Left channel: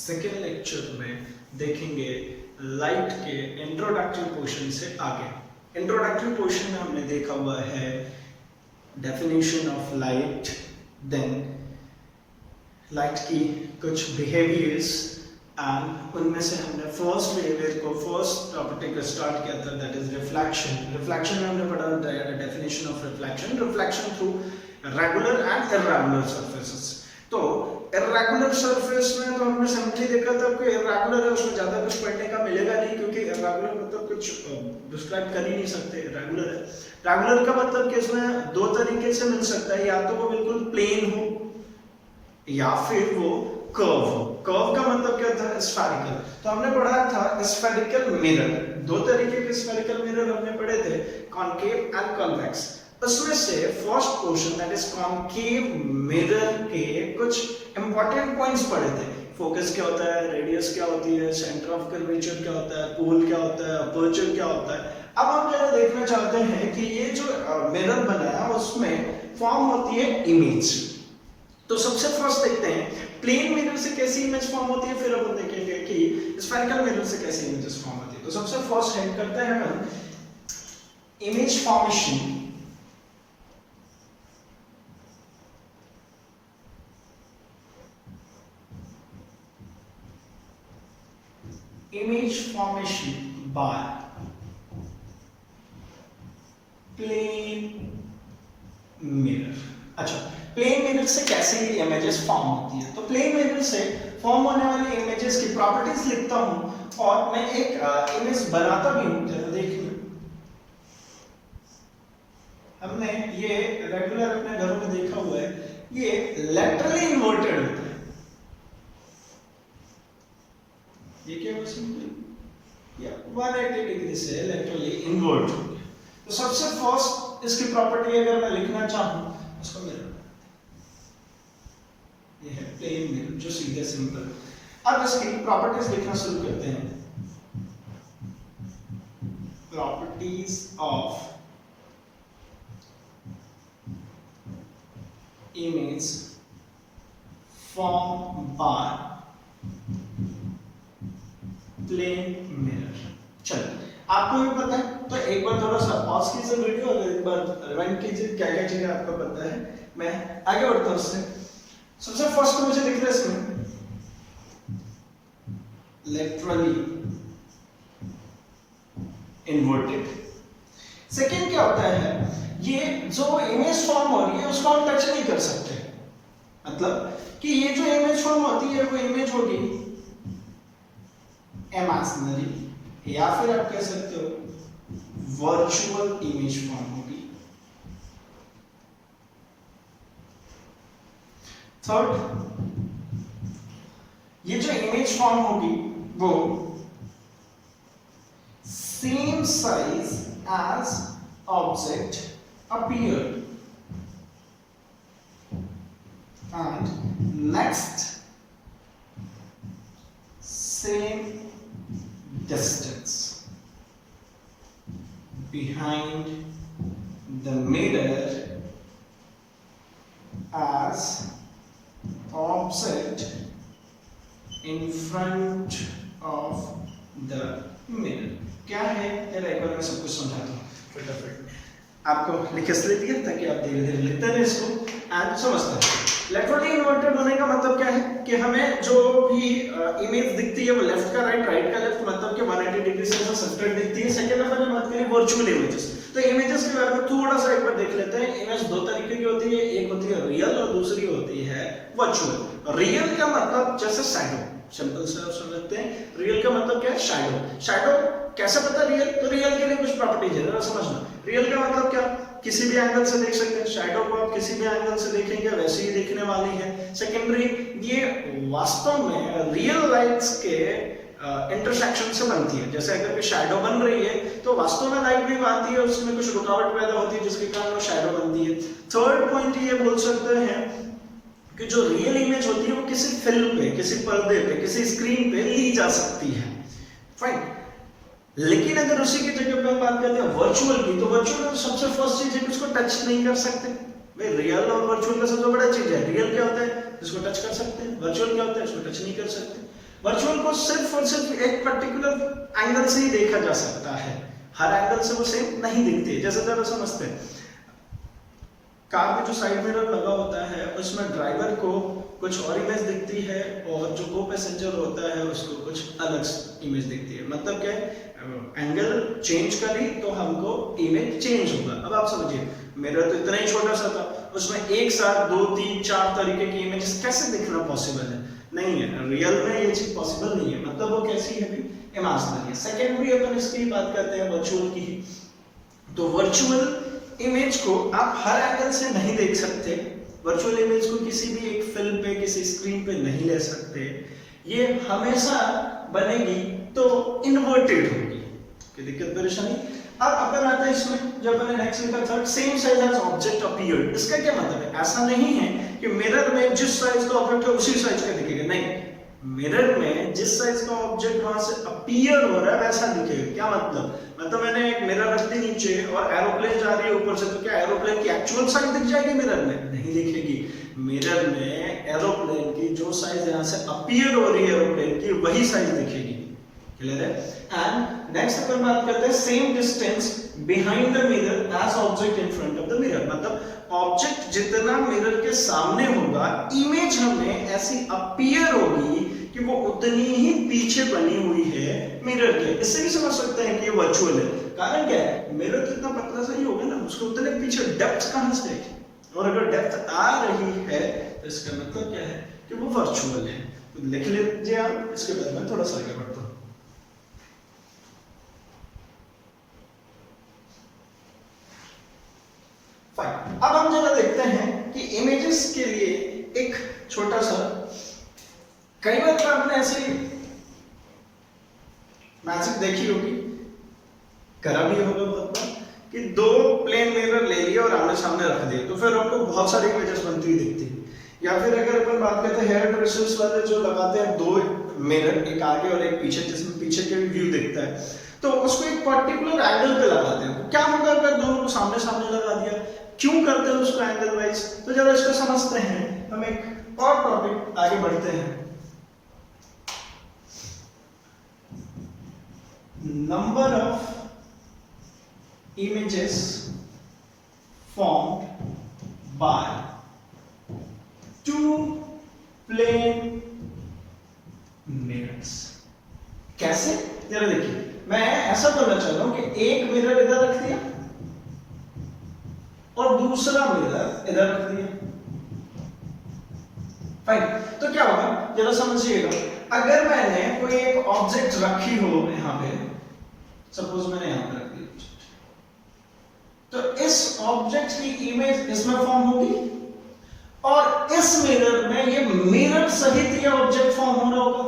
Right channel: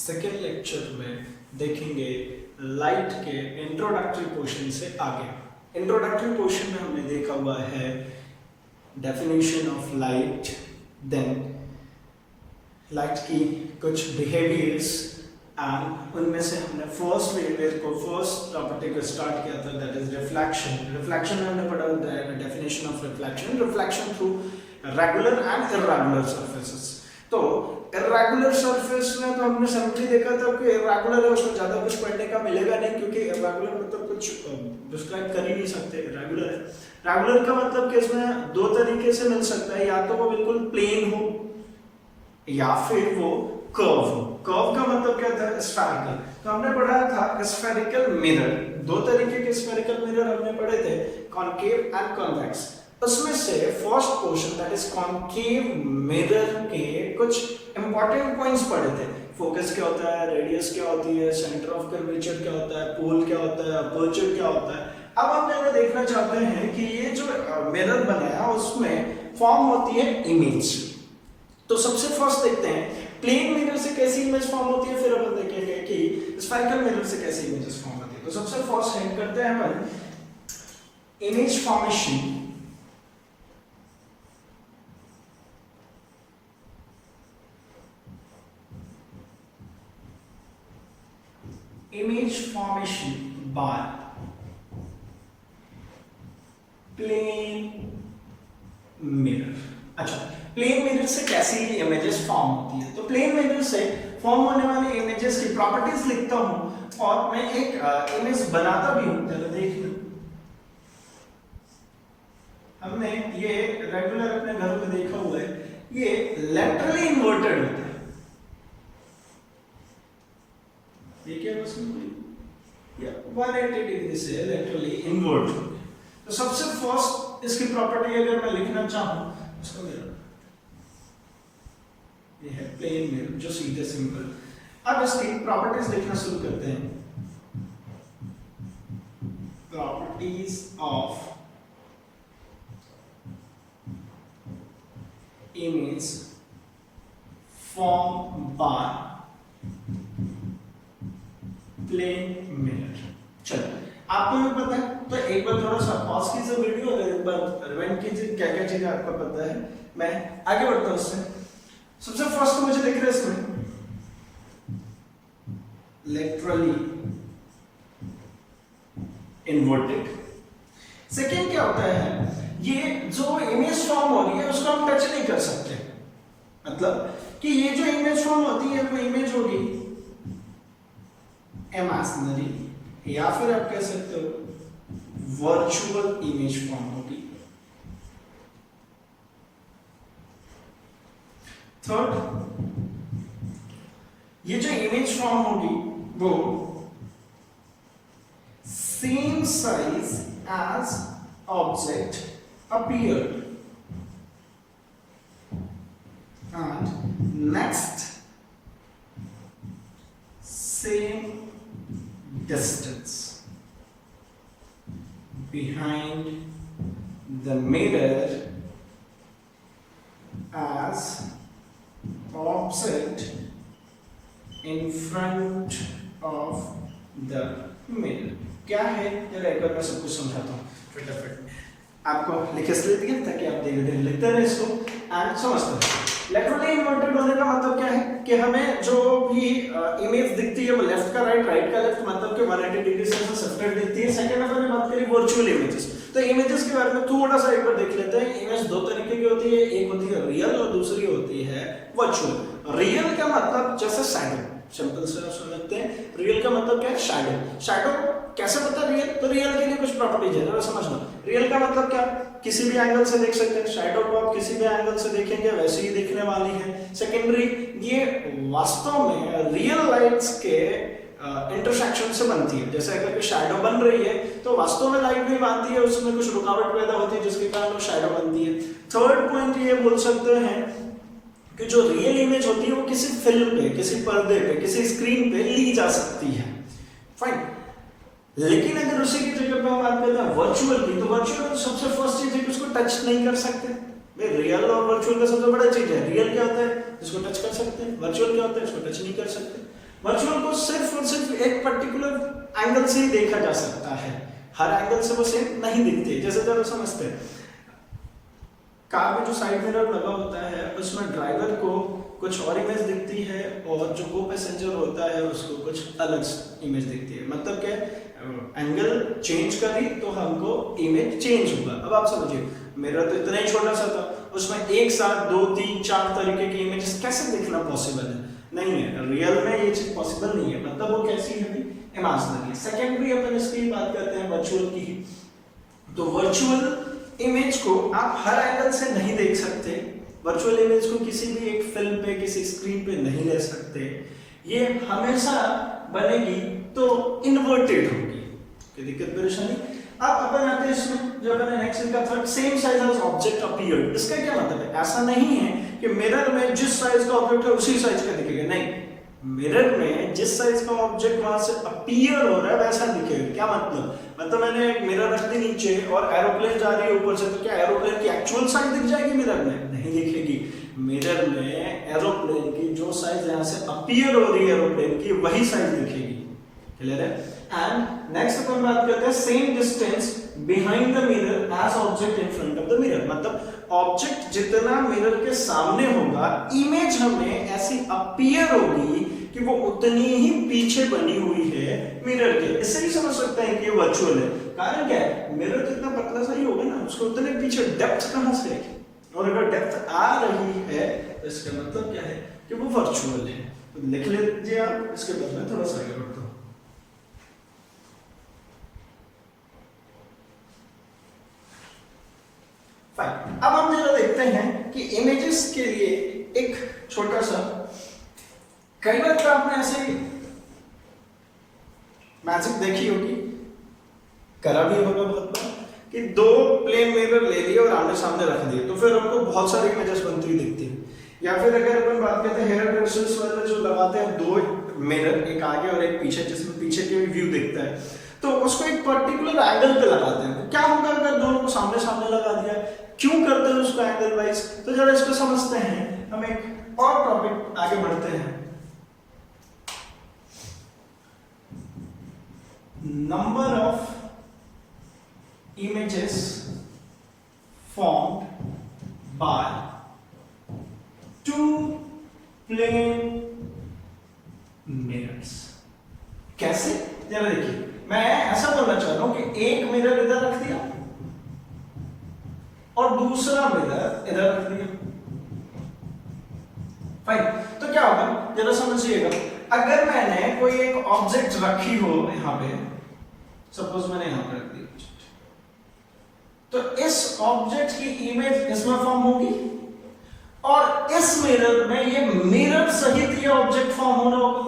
Second lecture में देखेंगे light के इंट्रोडक्टरी पोर्शन से आगे। इंट्रोडक्टरी पोर्शन में हमने देखा हुआ है definition of light, then light की कुछ बिहेवियर्स एंड उनमें से हमने फर्स्ट बिहेवियर को, फर्स्ट प्रॉपर्टी को स्टार्ट किया था, दैट इज रिफ्लेक्शन। रिफ्लेक्शन में हमने पढ़ा definition of reflection, reflection through regular and irregular surfaces. तो इर्रेगुलर सरफेस में तो हमने सिंपली देखा था कि इर्रेगुलर है उसमें ज्यादा कुछ पढ़ने का मिलेगा नहीं, क्योंकि इर्रेगुलर मतलब कुछ डिस्क्राइब कर ही नहीं सकते। इर्रेगुलर है, रेगुलर का मतलब कि इसमें दो तरीके से मिल सकता है, या तो वो बिल्कुल प्लेन हो या फिर वो कर्व हो। कर्व का मतलब क्या था? स्फेरिकल। तो हमने पढ़ा था स्फेरिकल मिरर, दो तरीके के स्फेरिकल मिरर हमने पढ़े थे, कॉनकेव एंड कॉन्वेक्स। उसमें से first portion that is concave mirror के कुछ इंपॉर्टेंट पॉइंट्स पढ़े थे। फोकस क्या होता है, रेडियस क्या होती है, सेंटर ऑफ कर्वेचर क्या होता है, पोल क्या होता है, अपर्चर क्या होता है। अब हम पहले देखना चाहते हैं कि ये जो मिरर बनाया उसमें फॉर्म होती है इमेज। तो सबसे फर्स्ट देखते हैं प्लेन मिरर से कैसी इमेज फॉर्म होती है, फिर अपन देखेंगे कि स्फेरिकल मिरर से कैसी इमेजेस फॉर्म होती है। तो सबसे फर्स्ट हेड करते हैं हम image formation. Image formation by plane mirror. अच्छा, प्लेन मिरर से कैसी इमेजेस फॉर्म होती है? तो प्लेन मिरर से फॉर्म होने वाली इमेजेस की प्रॉपर्टीज लिखता हूं और मैं एक इमेज बनाता भी हूं। चलो देखिए, हमने ये रेगुलर अपने घर में देखा हुआ है, ये लेटरली इन्वर्टेड होता है। ये क्या बस या 180 डिग्री से लेटरली इन्वर्ट। तो सबसे फर्स्ट इसकी प्रॉपर्टी अगर मैं लिखना चाहूं, इसको मिरर, ये है प्लेन मिरर जो सीधे सिंपल। अब इसकी प्रॉपर्टीज लिखना शुरू करते हैं। Properties of image form by plane mirror. चलो, आपको भी पता है तो एक बार थोड़ा सा पॉज कीजिए वीडियो और एक बार रिवाइंड कीजिए, क्या क्या चीजें आपको पता है। मैं आगे बढ़ता हूं उससे। सबसे फर्स्ट तो मुझे दिख रहा है इसमें लेटरली इन्वर्टेड। सेकेंड क्या होता है, ये जो इमेज फॉर्म हो रही है उसको हम टच नहीं कर सकते। मतलब कि ये जो इमेज फॉर्म होती है वो इमेज होगी इमेजिनरी, या फिर आप कह सकते हो वर्चुअल इमेज फॉर्म होगी। थर्ड, ये जो इमेज फॉर्म होगी वो same size as object appeared and next same distance behind the mirror as object in front of the mirror। क्या है यार, एक बार मैं सब कुछ समझाता हूँ फटाफट। आपको लिख इसलिए दिया ताकि आप धीरे धीरे लिखते रहे इसको एंड समझते रहे। लेटरली इन्वर्टेड होने का मतलब क्या है कि हमें जो भी इमेज दिखती है वो लेफ्ट का राइट, राइट का लेफ्ट, मतलब कि 180 डिग्री से शिफ्टेड दिखती है। सेकंड अपन ने बात करी वर्चुअल इमेजेस। तो इमेजेस के बारे में थोड़ा सा एक बार देख लेते हैं। इमेज दो तरीके की होती है, एक होती है रियल और दूसरी होती है वर्चुअल। रियल का मतलब जैसे शैडो, सिंपल से आप समझते हैं। रियल का मतलब क्या है? शैडो। शैडो कैसे पता रियल? तो रियल के लिए कुछ प्रॉपर्टीज है, जरा समझना। रियल का मतलब क्या? किसी भी एंगल से देख सकते हैं। शैडो को आप किसी भी एंगल से देखेंगे वैसे ही दिखने वाली है। सेकेंडरी, ये वास्तव में रियल लाइट्स के इंटरसेक्शन से बनती है। जैसे अगर कोई शैडो बन रही है तो वास्तव में लाइट भी आती है, उसमें कुछ रुकावट पैदा होती है जिसके कारण वो शैडो बनती है। थर्ड पॉइंट ये बोल सकते हैं कि जो रियल इमेज होती है वो किसी फिल्म पे, किसी पर्दे पे, किसी स्क्रीन पे ली जा सकती है। फाइन। लेकिन अगर उसी की जगह पे हम बात करते हैं वर्चुअल की, तो वर्चुअल सबसे फर्स्ट चीज है कि उसको टच नहीं कर सकते। भाई रियल और वर्चुअल का सबसे बड़ा चीज है, रियल क्या होता है इसको टच कर सकते हैं, वर्चुअल क्या होता है इसको टच नहीं कर सकते। वर्चुअल को सिर्फ और सिर्फ एक पर्टिकुलर एंगल से ही देखा जा सकता है, हर एंगल से वो सेम नहीं दिखती है। जैसे जरा समझते हैं, कार में जो साइड मिरर लगा होता है उसमें ड्राइवर को कुछ और इमेज दिखती है और जो को पैसेंजर होता है उसको कुछ अलग इमेज दिखती है। मतलब क्या, एंगल चेंज करी तो हमको इमेज चेंज होगा। अब आप समझिए, मिरर तो इतना ही छोटा सा था, उसमें एक साथ 2, 3, 4 तरीके की इमेजेस कैसे दिखना पॉसिबल है? नहीं है, रियल में ये चीज पॉसिबल नहीं है। मतलब वो कैसी है भाई, इमेजिनरी है। सेकेंडरी अपन इसकी बात करते हैं वर्चुअल की। तो वर्चुअल इमेज को आप हर एंगल से नहीं देख सकते, वर्चुअल इमेज को किसी भी एक फिल्म पे, किसी स्क्रीन पे नहीं ले सकते। ये हमेशा बनेगी तो इन्वर्टेड होगी। क्या दिक्कत परेशानी? अब अपन आते हैं इसमें, जब मैंने नेक्स्ट लिखा third, same size as object appeared. इसका क्या मतलब है? ऐसा नहीं है कि मिरर में जिस साइज का ऑब्जेक्ट है उसी साइज का दिखेगा, नहीं। मिरर में जिस साइज का ऑब्जेक्ट वहां से अपीयर हो रहा है वैसा दिखेगा। क्या मतलब? मतलब मैंने एक मिरर रख दी नीचे और एरोप्लेन जा रही है ऊपर से, तो क्या एरोप्लेन की एक्चुअल साइज दिख जाएगी मिरर में? नहीं दिखेगी। मिरर में एरोप्लेन की जो साइज यहां से अपीयर हो रही है एरोप्लेन की, वही साइज दिखेगी। क्लियर है? एंड नेक्स्ट अपन बात करते हैं same distance behind the mirror as object in front of the mirror. मतलब ऑब्जेक्ट जितना मिरर के सामने होगा, इमेज हमें ऐसी अपीयर होगी कि वो उतनी ही पीछे बनी हुई है मिरर के। इससे भी समझ सकते हैं कि ये वर्चुअल है। कारण क्या है? मिरर तो इतना पतला सा ही होगा ना, उसको उतने पीछे डेप्थ कहां से आएगी? और अगर डेप्थ आ रही है तो इसका मतलब क्या है कि वो वर्चुअल है। तो लिख लीजिए आप, इसके बाद में थोड़ा सा आगे बढ़ता हूं। अब हम जरा देखते हैं कि इमेजेस के लिए एक छोटा सा, कई बार तो आपने ऐसी मैजिक देखी होगी, करा भी होगा बहुत बार, कि 2 प्लेन मिरर ले लिए और आमने सामने रख दिए, तो फिर आपको बहुत सारी इमेजेस बनती हुई दिखती है। या फिर अगर अपन बात करते हैं हेयर ड्रेसेस वाले जो लगाते हैं 2 मिरर, एक आगे और एक पीछे, जिसमें पीछे के भी व्यू दिखता है, तो उसको एक पर्टिकुलर एंगल पे लगाते हैं। क्या होगा अगर दोनों को सामने सामने लगा दिया? क्यों करते हैं उसको एंगल वाइज? तो जरा इसको समझते हैं। हम एक और टॉपिक आगे बढ़ते हैं। Number of images formed by 2 plane mirrors। कैसे? जरा देखिए, मैं ऐसा करना चाहता हूं कि एक मिरर इधर रख दिया और दूसरा मिरर इधर रख दिया। फाइन, तो क्या होगा जरा समझिएगा। अगर मैंने कोई एक ऑब्जेक्ट रखी हो यहां पे, सपोज मैंने यहां पे रख दी, तो इस ऑब्जेक्ट की इमेज इसमें फॉर्म होगी और इस मिरर में ये मिरर सहित ये ऑब्जेक्ट फॉर्म हो रहा होगा।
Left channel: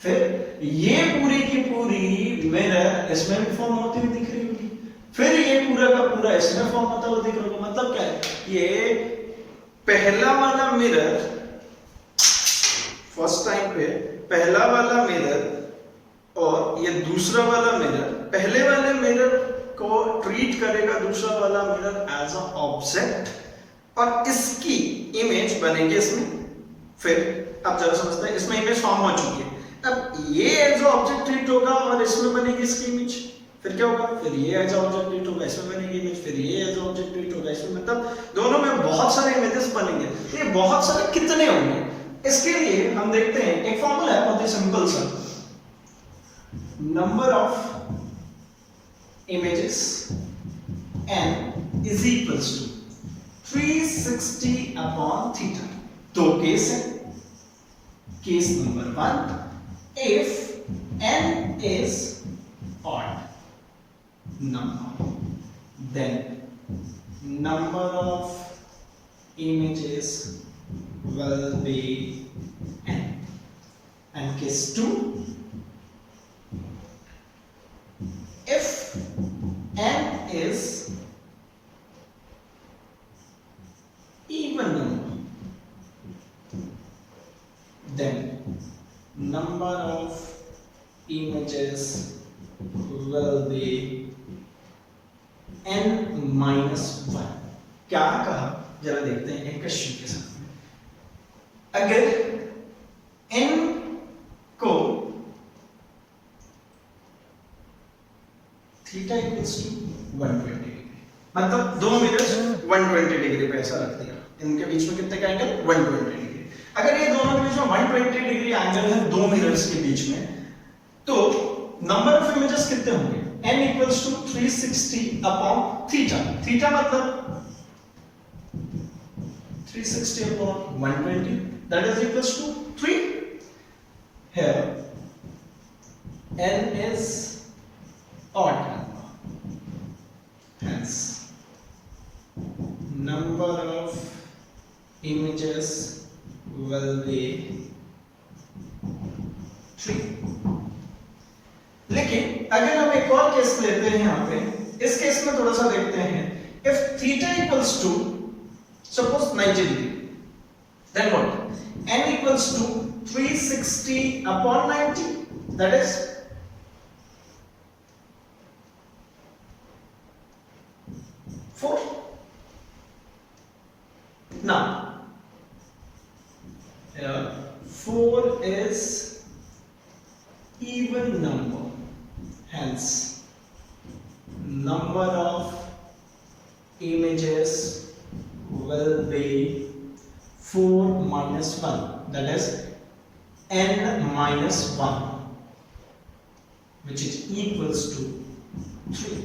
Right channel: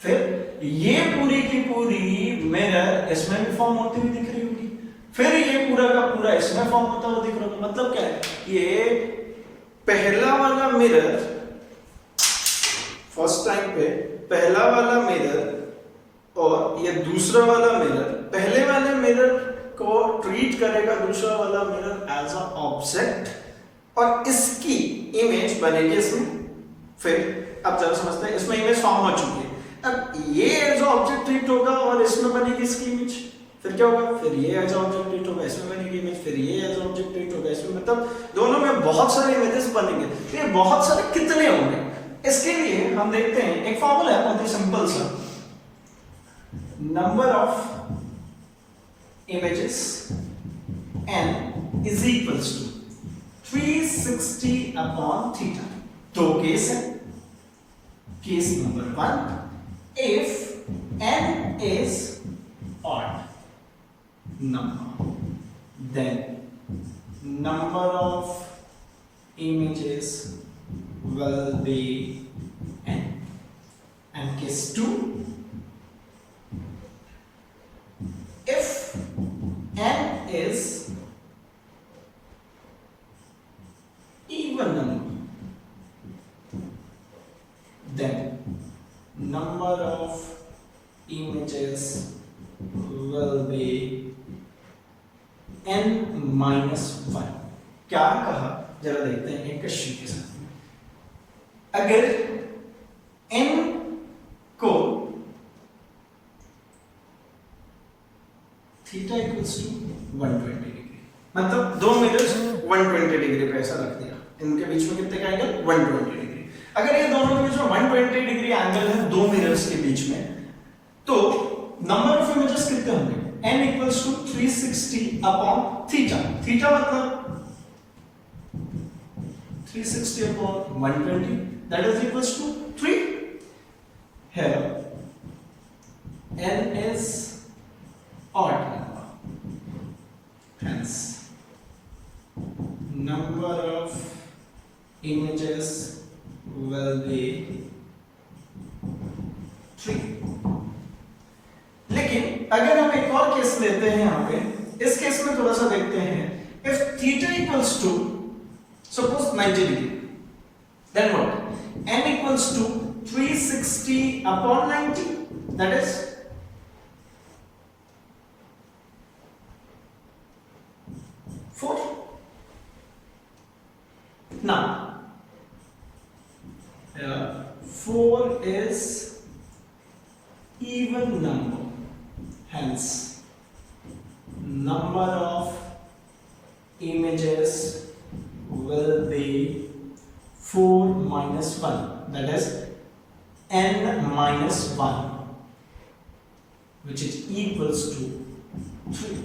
फिर ये पूरी की पूरी मिरर इसमें भी फॉर्म होती हुई दिख रही होगी, फिर ये पूरा का पूरा इसमें फॉर्म होता हुआ दिख रहा होगा। मतलब क्या है? ये पहला वाला मिरर, फर्स्ट टाइम पे पहला वाला मिरर और ये दूसरा वाला मिरर, पहले वाले मिरर को ट्रीट करेगा दूसरा वाला मिरर एज अ ऑब्जेक्ट और इसकी इमेज बनेगी इसमें। फिर अब जरा समझते हैं, इसमें इमेज फॉर्म हो चुकी है, अब ये एज ऑब्जेक्ट ट्रीट होगा और इसमें बनेगी इसकी इमेज। फिर क्या होगा? फिर ये एज ऑब्जेक्ट ट्रीट होगा, इसमें बनेगी इमेज, फिर ये एज ऑब्जेक्ट ट्रीट होगा इसमें। मतलब दोनों में बहुत सारे इमेजेस बनेंगे। तो ये बहुत सारे कितने होंगे? इसके लिए हम देखते हैं, एक फॉर्मूला है बहुत ही सिंपल सा, number of images n is equals to 360 upon theta। 2 case है। Case number 1, if n is odd number, then number of images will be n। and case 2, if n is even number, then number of images will be n minus 1। क्या कहा जरा देखते हैं एक question के साथ में। अगर n मतलब दो मिरर्स 120 डिग्री पे ऐसा रख दिया, इनके बीच में कितने का एंगल 120 डिग्री। अगर ये दोनों के बीच में 120 डिग्री एंगल है दो मिरर्स के बीच में, तो नंबर ऑफ इमेजेस कितने होंगे, n equals to 360 upon theta. Theta मतलब 360 upon 120, that is equals to 3. Here n is odd number, hence number of images will be 3. लेकिन अगर हम एक और केस लेते हैं यहाँ पे, इस केस में थोड़ा सा देखते हैं, if theta equals to suppose 90 degree, then what? n equals to 360 upon 90, that is 4. Now, 4 is even number, hence number of images will be 4 minus 1, that is n minus 1, which is equals to 3.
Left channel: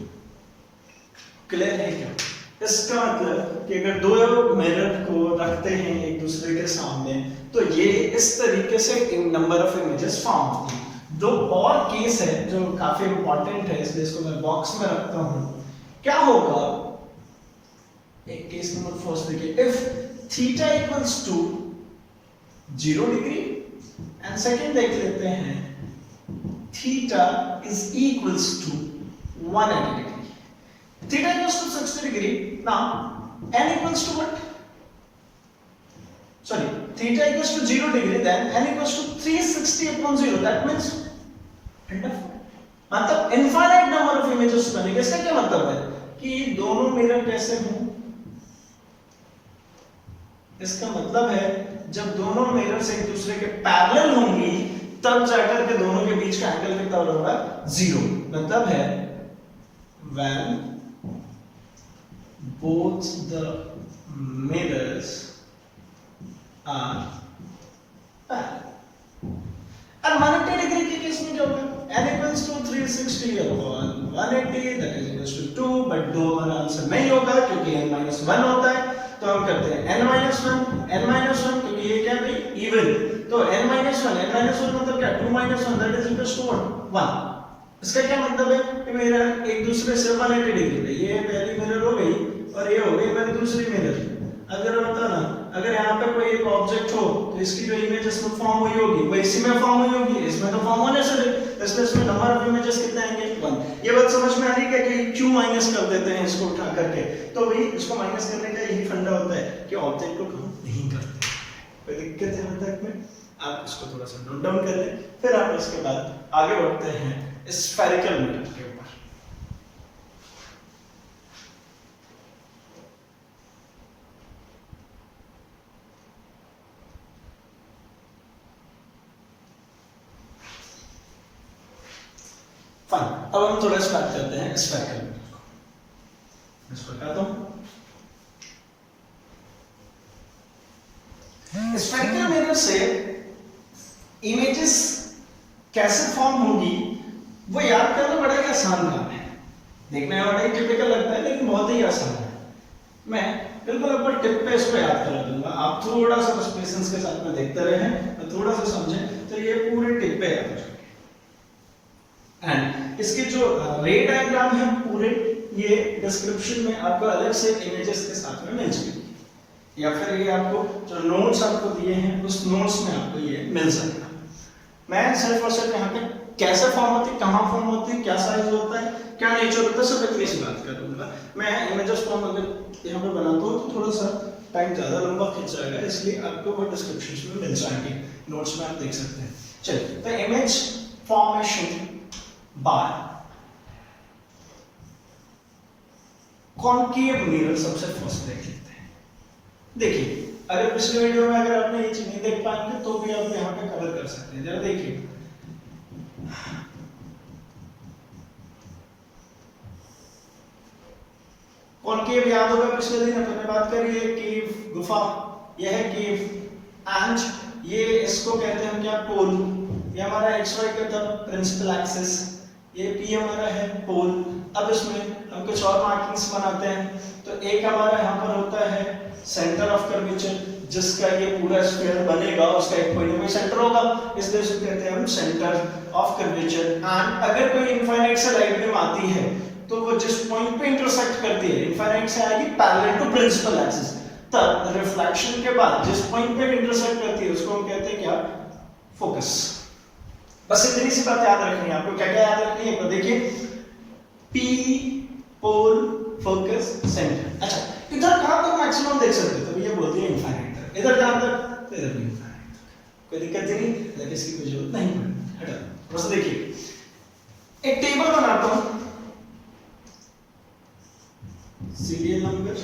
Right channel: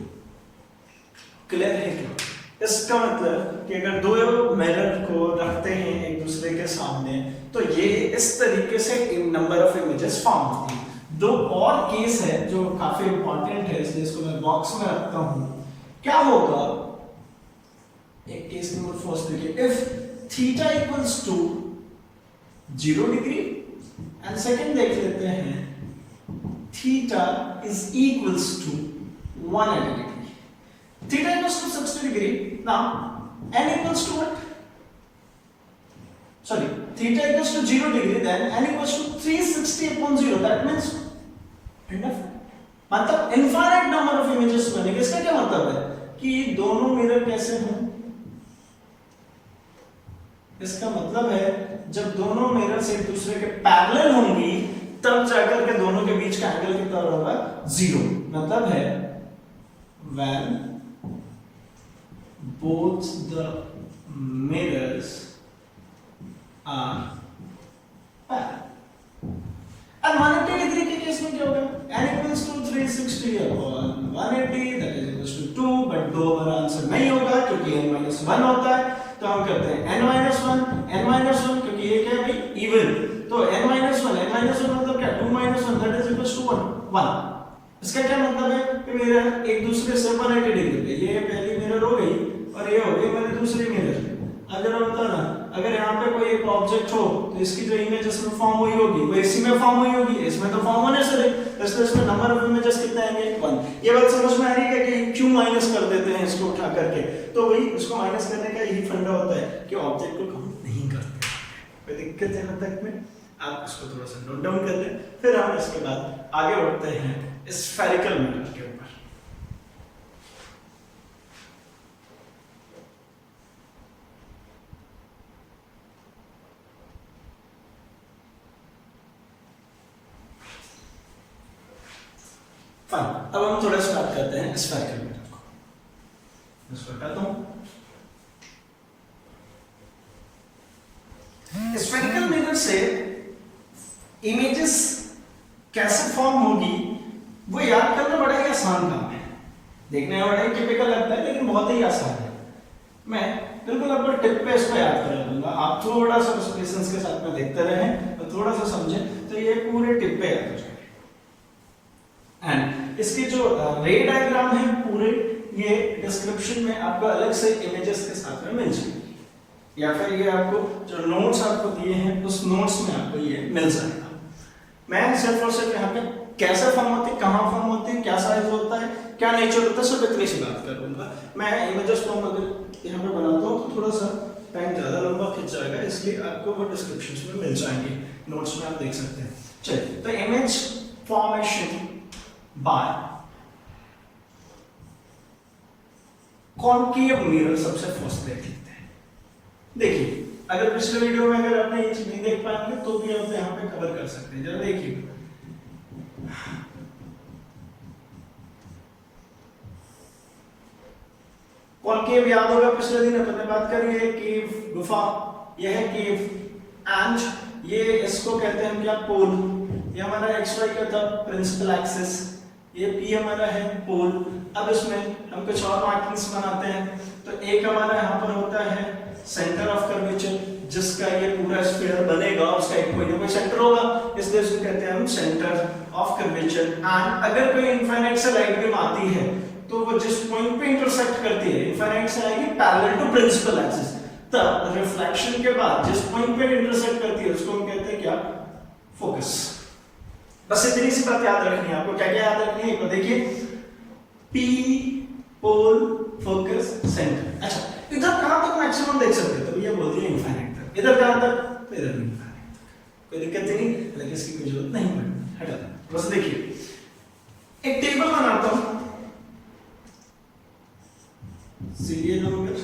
Clear है क्या? इसका मतलब कि अगर दो mirror को रखते हैं एक दूसरे के सामने तो ये इस तरीके से नंबर ऑफ इमेजेस फॉर्म होती है। दो और केस है जो काफी इंपॉर्टेंट है, इसलिए इसको मैं बॉक्स में रखता हूं। क्या होगा, एक केस नंबर फर्स्ट देखिए, if theta equals to 0 degree and second देख लेते हैं theta is equals to 180 degree. Theta equals to 60 degree, now n equals to what, sorry theta equals to 0 degree, then n equals to 360 upon 0, that means मतलब infinite number of images बनेंगे। इसका क्या मतलब है कि दोनों मिरर कैसे हों, इसका मतलब है जब दोनों मिरर्स एक दूसरे के पैरेलल होंगी तब जाकर के दोनों के बीच का एंगल कितना होगा, 0। मतलब है when both the mirrors are parallel। और 180 डिग्री के केस में क्या होगा, n equals to 360 upon 180, that is equals to 2, but 2 हमारा आंसर नहीं होगा क्योंकि n-1 होता है, तो हम करते हैं n-1 क्योंकि ये क्या है भाई, इवन, तो n-1 मतलब क्या, 2-1, that is equals to 1। इसका क्या मतलब है कि मिरर एक दूसरे से 180 डिग्री पे, ये पहली मिरर हो गई और ये हो गई मेरी दूसरी मिरर। अब जरा बता ना, अगर यहाँ पे कोई एक ऑब्जेक्ट हो तो इसकी जो इमेज इसमें फॉर्म हुई होगी वो इसी में फॉर्म हुई होगी, इसमें तो फॉर्म होने से इसलिए इसमें नंबर ऑफ इमेजेस कितने आएंगे, 1। ये बात समझ में आ रही है कि क्यों माइनस कर देते हैं इसको उठा करके, तो वही इसको माइनस करने का यही फंडा होता है कि ऑब्जेक्ट को काउंट नहीं करते। कोई दिक्कत है यहाँ तक में, आप इसको थोड़ा सा नोट डाउन कर लें, फिर हम इसके बाद आगे बढ़ते हैं स्फेरिकल मिरर के ऊपर। फाइन, अब हम थोड़ा सा बात करते हैं स्फेरिकल मिरर को। इसको हटाता हूं। स्फेरिकल मिरर से इमेजेस कैसे फॉर्म होगी वो याद करना बड़ा ही आसान काम है। देखने में बड़ा ही टिपिकल लगता है लेकिन बहुत ही आसान है। मैं बिल्कुल आपको टिप पे इसको याद करा दूंगा, आप थोड़ा सा बस पेशेंस के साथ में देखते रहें और थोड़ा सा समझें तो ये पूरे टिप पे याद हो जाएंगे। एंड इसके जो रे डायग्राम है पूरे, ये डिस्क्रिप्शन में आपको अलग से इमेजेस के साथ में मिल जाएगी, या फिर ये आपको जो नोट्स आपको दिए हैं उस नोट्स में आपको ये मिल जाएगा। मैं सिर्फ और सिर्फ यहाँ पे कैसे फॉर्म होती है, कहाँ फॉर्म होती है, क्या साइज होता है, क्या नेचर होता है, सब इतनी सी बात करूंगा। मैं इमेजेस को अगर यहाँ पे बनाता हूँ तो थोड़ा सा टाइम ज़्यादा लंबा खिंच जाएगा, इसलिए आपको वो डिस्क्रिप्शन में मिल जाएंगे, नोट्स में आप देख सकते हैं। चलिए, तो image formation bye concave mirror सबसे फर्स्ट देख लेते हैं। देखिए, अगर पिछले वीडियो में अगर आपने ये चीज नहीं देख पाएंगे तो भी आप यहाँ पे कवर कर सकते हैं। जरा देखिए, कॉनकेव केव याद होगा, पिछले दिन अपन ने बात करी है केव, गुफा, यह है केव। एंड ये इसको कहते हैं क्या, पोल। ये हमारा XY का था प्रिंसिपल एक्सिस, ये P हमारा है पोल। अब इसमें हम कुछ और मार्किंग्स बनाते हैं। तो एक हमारा यहाँ पर होता है सेंटर ऑफ कर्वेचर, जिसका ये पूरा स्फीयर बनेगा, उसका एक पॉइंट में सेंटर होगा, इसलिए इसको कहते हैं हम सेंटर ऑफ कर्वेचर। एंड अगर कोई इनफाइनाइट से लाइट बीम आती है तो वो जिस पॉइंट पे इंटरसेक्ट करती है, इनफाइनाइट से आएगी पैरेलल टू प्रिंसिपल एक्सिस, तब रिफ्लेक्शन के बाद जिस पॉइंट पे इंटरसेक्ट करती है उसको हम कहते हैं क्या, फोकस। बस इतनी सी बात याद रखनी है आपको। क्या क्या याद रखनी है, देखिए P पोल, फोकस, सेंटर। अच्छा, इधर कहां तक मैक्सिमम देख सकते हो, तो भैया बोलते हैं इनफाइनाइट तक। इधर कहां तक, तो इधर भी इनफाइनाइट तक, कोई दिक्कत नहीं, लेकिन इसकी कोई जरूरत नहीं है, हटा। बस देखिए एक टेबल बनाता हूं, सीधे नंबर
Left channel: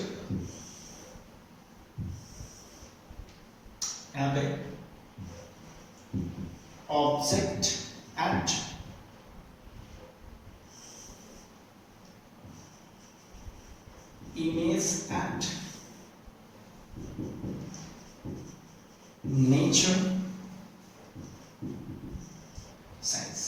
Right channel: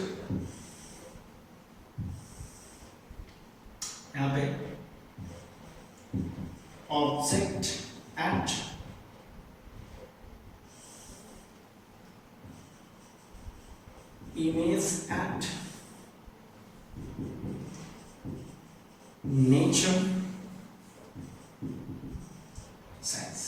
यहाँ पे object at image at nature science.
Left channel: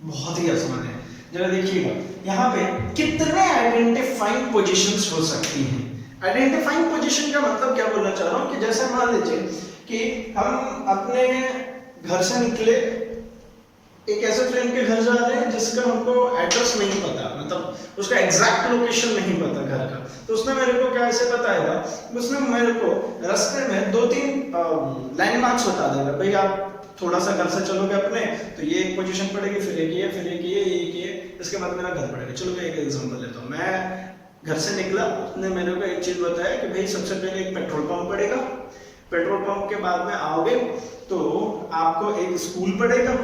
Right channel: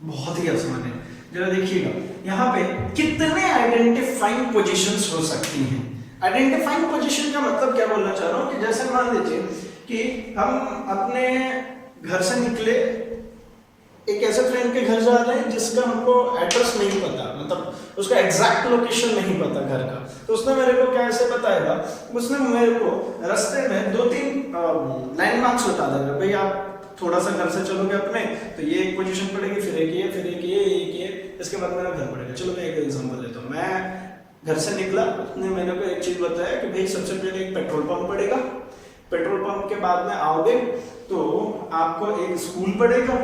बहुत ही आसान है, जरा देखिएगा यहाँ पे कितने आइडेंटिफाइंग पोजीशंस हो सकती हैं। आइडेंटिफाइंग पोजीशन का मतलब क्या बोलना चाह रहा हूँ कि जैसे मान लीजिए कि हम अपने घर से निकले, एक ऐसे फ्रेंड के घर जा रहे हैं जिसका हमको एड्रेस नहीं पता, मतलब उसका एग्जैक्ट लोकेशन नहीं पता घर का, तो उसने मेरे को क्या ऐसे बताएगा, उसने मेरे को रास्ते में 2-3 लैंडमार्क्स बता देगा, भाई आप थोड़ा सा घर से चलोगे अपने तो ये एक पोजीशन पड़ेगी, फिर एक ये, फिर एक ये, इसके बाद मेरा घर पड़ेगा। चलो मैं एक एग्जांपल लेता हूँ। मैं घर से निकला, उसने मेरे को एक चीज बताया कि भाई सबसे पहले एक पेट्रोल पंप पड़ेगा, पेट्रोल पंप के बाद में आओगे तो आपको एक स्कूल पड़ेगा,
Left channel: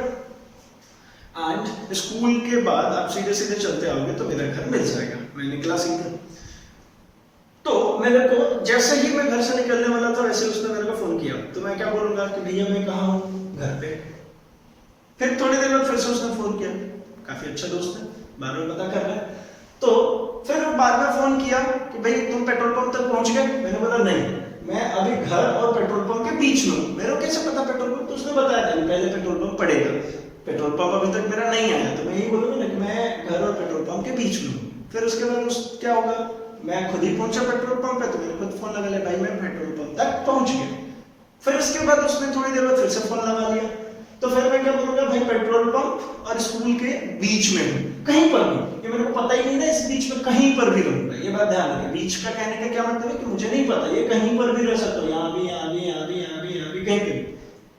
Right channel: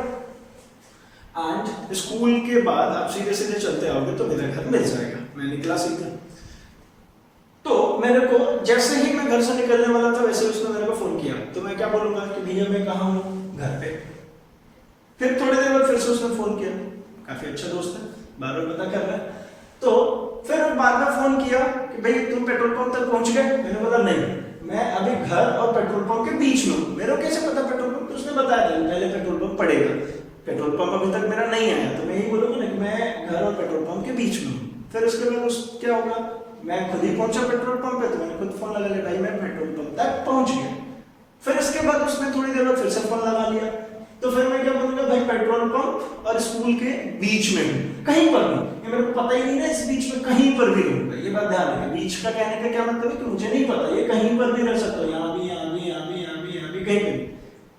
एंड स्कूल के बाद आप सीधे सीधे चलते आओगे तो मेरा घर मिल जाएगा। मैं निकला सीधे, तो मेरे को जैसे ही मैं घर से निकलने वाला था वैसे उसने मेरे को फोन किया, तो मैं क्या बोलूंगा कि भैया मैं कहाँ हूँ, घर पे। फिर थोड़ी देर बाद फिर से उसने फोन किया, काफी अच्छा दोस्त है, बार बार पता कर रहा है, तो फिर बाद में फोन किया कि भाई तुम पेट्रोल पंप तक पहुंच गए। मैंने बोला नहीं, मैं अभी घर और पेट्रोल पंप के बीच में हूँ। मेरे को कैसे पता पेट्रोल पंप, तो उसने बताया था पहले पेट्रोल पंप पड़ेगा, पेट्रोल पंप अभी तक मेरा नहीं आया, तो मैं यही बोलूंगा ना कि मैं घर और पेट्रोल पंप के बीच में हूँ। फिर उसके बाद क्या होगा, मैं खुद ही पहुंचा पेट्रोल पंप पे, तो मैंने खुद फोन लगा लिया, भाई मैं पेट्रोल पंप तक पहुंच गया। फिर इसके बाद उसने थोड़ी देर बाद फिर से फोन लगा लिया, तो फिर मैं क्या बोलूंगा, भाई पेट्रोल पंप और स्कूल के बीच में हूँ, कहीं पर भी, ये मेरे को पता ही नहीं ना, इस बीच में कहीं पर भी रहूंगा। ये बात ध्यान रखें, बीच का कहने का क्या मतलब है कि मुझे नहीं पता, ये कहीं पर भी रह सकता हूँ, यहाँ भी, यहाँ भी, यहाँ भी, यहाँ भी, यहाँ भी, कहीं पे भी,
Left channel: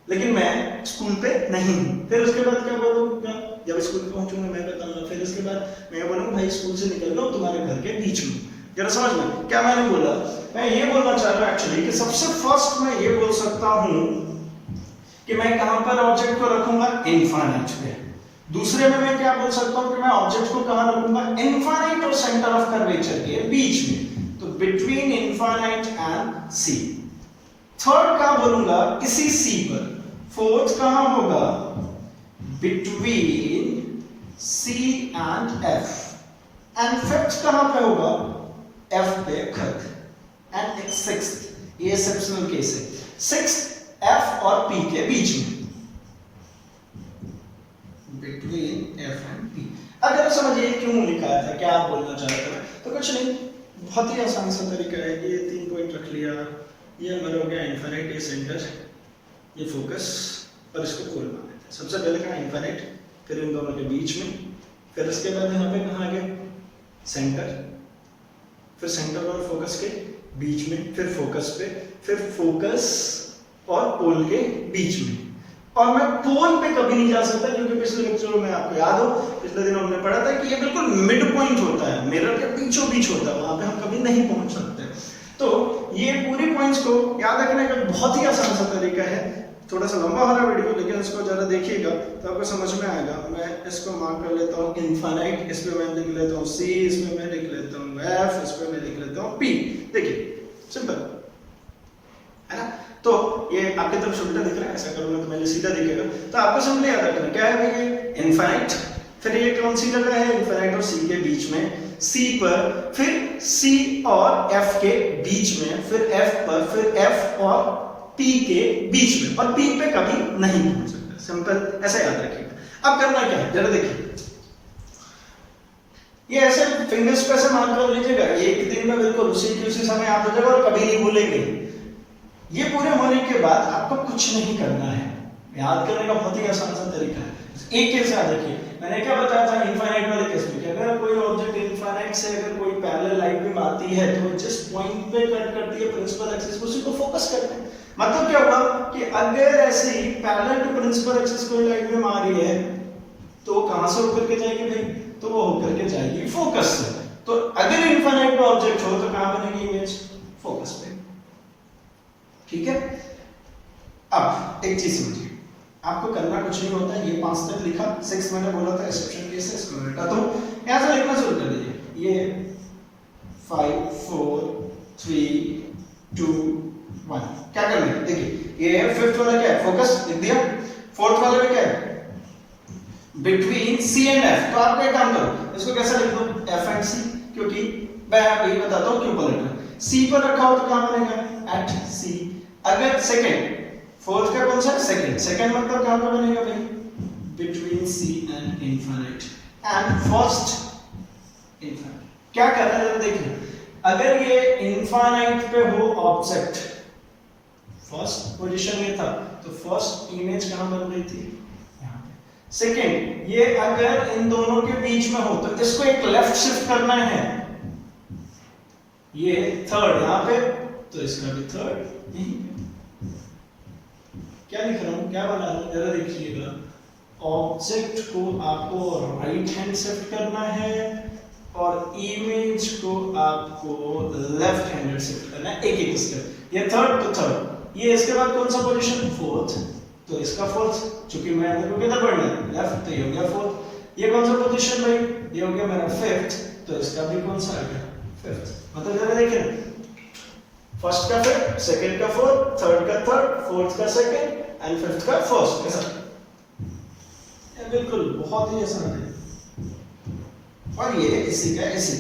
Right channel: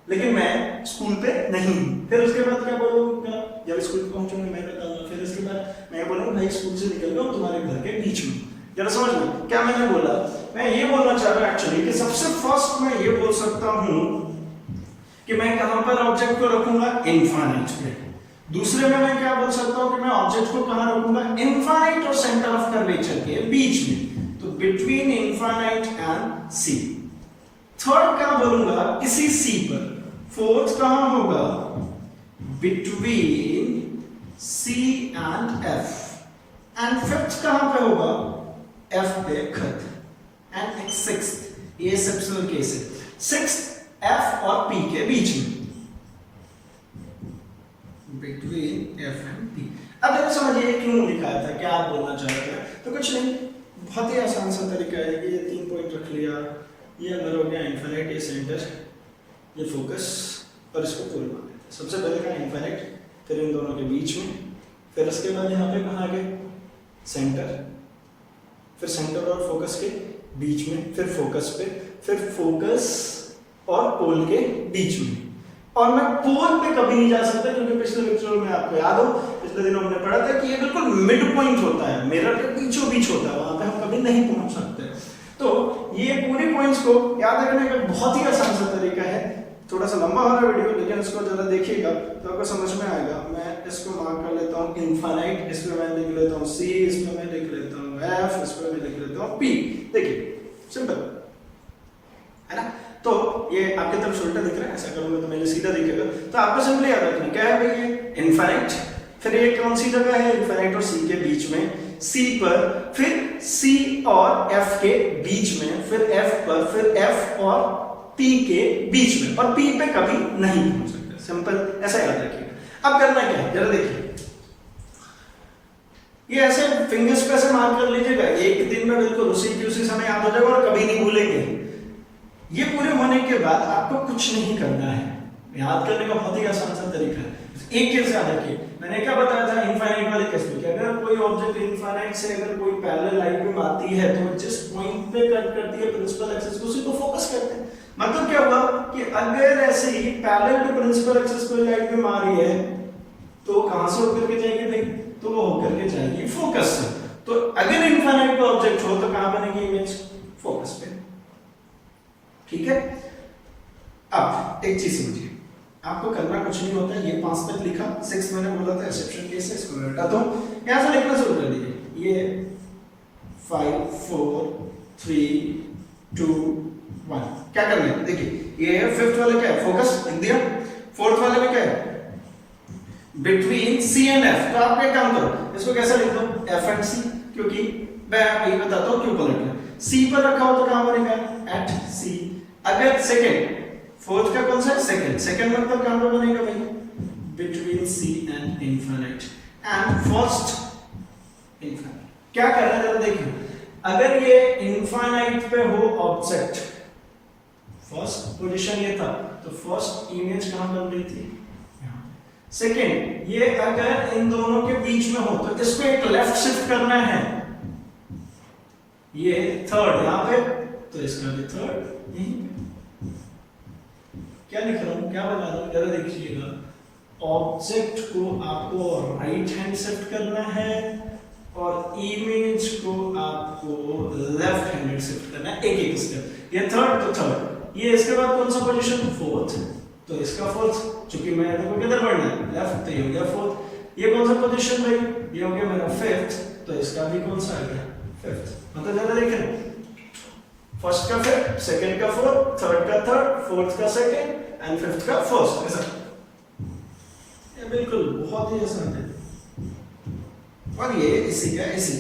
लेकिन मैं स्कूल पे नहीं हूँ। फिर उसके बाद क्या बोलूंगा, जब स्कूल पहुंचूंगा मैं बताऊंगा। फिर उसके बाद मैं बोलूंगा भाई स्कूल से निकल गया तुम्हारे घर के बीच में। जरा समझ में क्या मैंने बोला, मैं ये बोलना चाह रहा हूँ एक्चुअली कि सबसे फर्स्ट मैं ये बोल सकता हूँ कि मैं कहां पर ऑब्जेक्ट को रखूंगा, इनफाइनाइट पे। दूसरे में मैं क्या बोल सकता हूं कि मैं ऑब्जेक्ट को कहां रखूंगा, इनफाइनाइट और सेंटर ऑफ कर्वेचर के बीच में, तो between infinite and C. Third क्या बोलूंगा, इसी सी पर। फोर्थ कहां होगा, between C and F. And fifth कहां पे होगा, एफ पे खत। एंड सिक्स्थ, ये एक्सेप्शनल केस है, सिक्स्थ एफ और पी के बीच में, बिटवीन एफ एंड पी। अब जरा समझिए क्यों लिखा था, क्या आप बोलना चाहते हैं, तो कुछ नहीं, बहुत ही आसान सा तरीका है। ये 3 पॉइंट रख लिया, ये हमारा हो गया इनफाइनाइट, ये सेंटर, ये फोकस, और इसको पोल माना है। सबसे पहले कहा इनफाइनाइट, फिर इन दोनों के बीच में, फिर उसके बाद यहाँ पे कहाँ गए, सेंटर, फिर सेंटर और फोकस के बीच में, फिर फोकस पे, फिर फोकस और पोल के बीच में। और मैं पोल पे कभी नहीं जा सकता, क्योंकि पिछले लेक्चर में आपको याद हो, पिछले दिनों हमने पढ़ा था कि ये बिल्कुल मिड पॉइंट होता है, मिरर के बीचों बीच होता है, वहां पे हम कभी नहीं पहुंच सकते। तो ये पूरी पॉइंट्स को याद रखने का बहुत ही आसान सा तरीका है। थोड़ा सा लंबा हो रहा है वीडियो, लेकिन इसको जरा देखिएगा तो आपको समझ में आएगा। मैं इसको मार्क कर लेता हूँ इनफाइनाइट, इस पे मैं लिख लेता हूँ सी, इसमें मैं लिख लेता हूँ एफ, इस पे मैं लिख लेता हूँ पी। देखिए सिंपल है ना। तो ये आपकी तरफ से उल्टा दिख रहा है, ऐसा करूंगा तो मेरे सीधा दिखेगा। तो आपको सिंपली याद रखना क्या है भाई, ये इनफाइनाइट, फिर ये कौन सी जगह है, इनफाइनाइट और सी के बीच में, सी पर, फिर C और F के बीच में, फिर F पर, फिर F और P के बीच में, और P पे कभी नहीं पहुंच सकता। सिंपल, ऐसा याद रखिएगा। अब करना क्या है, जरा देखिए, ये ऐसे फिंगर्स पे से मार्क कर लीजिएगा, एक दिन में बिल्कुल उसी समय याद हो जाएगा और कभी नहीं भूलेंगे। ये पूरे होने के बाद आपको कुछ नहीं करना है, याद करने का बहुत ही आसान सा तरीका है। एक केस याद रखिए, मैंने क्या बताया था इनफाइनाइट वाले केस में, कि अगर कोई ऑब्जेक्ट इनफाइनाइट से अगर कोई पैरेलल लाइन में आती है तो जिस पॉइंट पे कट करती है प्रिंसिपल एक्सिस को, उसी को फोकस करते हैं। मतलब क्या हुआ कि अगर ऐसे ही पैरेलल टू प्रिंसिपल एक्सिस कोई लाइन में आ रही है तो कहां से होकर के जाएगी भाई, तो वो होकर के जाएगी फोकस से। तो अगर इनफाइनाइट का ऑब्जेक्ट हो तो कहां बनेगी इमेज, फोकस पे। ठीक है, अब एक चीज समझिए, आपको करना कुछ नहीं होता है, ये 5 तक लिखा, 6 मैंने बोला था एक्सेप्शन केस है, इसको हटा दो, यहां से लिखना शुरू कर दीजिए। ये 5 4 3 2 1, क्या करना है देखिए, ये फिफ्थ वाला क्या है, फोकस लिख दिया, फोर्थ वाले में क्या है, बिटवीन C एंड F। तो आप एक काम करो, इसको कैसे लिख लो, F एंड C, क्योंकि मैं वही बताता हूं क्यों बोल रहा हूं। C पर रखा हो तो कहां बनेगा, एट C। अगर सेकंड, फोर्थ का कौन सा है, सेकंड, सेकंड मतलब कहां पे बनेगा भाई, between C and infinite, and first infinite. क्या कर रहे हैं देखिए, अगर ये इनफिनिट पे हो ऑब्जेक्ट, फर्स्ट पोजीशन ये था, तो फर्स्ट इमेज कहां बन रही थी, सेकेंड, ये अगर इन दोनों के बीच में हो तो इसको एक लेफ्ट शिफ्ट करना है, ये थर्ड यहां पे, तो इसका भी थर्ड यहीं पे। क्या लिख रहा हूं, क्या बना रहा हूं, जरा देखिएगा, ऑब्जेक्ट को आपको राइट हैंड शिफ्ट करना है और इमेज को आपको लेफ्ट हैंड शिफ्ट करना है, एक एक स्टेप। ये थर्ड तो थर्ड, ये इसके बाद कौन सा पोजीशन, फोर्थ, तो इसका फोर्थ, चूंकि मैं देखो किधर बढ़ना है, लेफ्ट, तो ये हो गया फोर्थ। ये कौन सा पोजीशन भाई, ये हो गया मेरा फिफ्थ, तो इसका भी कौन सा आ गया, फिफ्थ। मतलब जरा देखें, फर्स्ट का फिफ्थ, सेकंड का फोर्थ, थर्ड का थर्ड, फोर्थ का सेकंड एंड फिफ्थ का फर्स्ट, ऐसा। ये बिल्कुल बहुत ही आसान है, और ये इसी का इसी।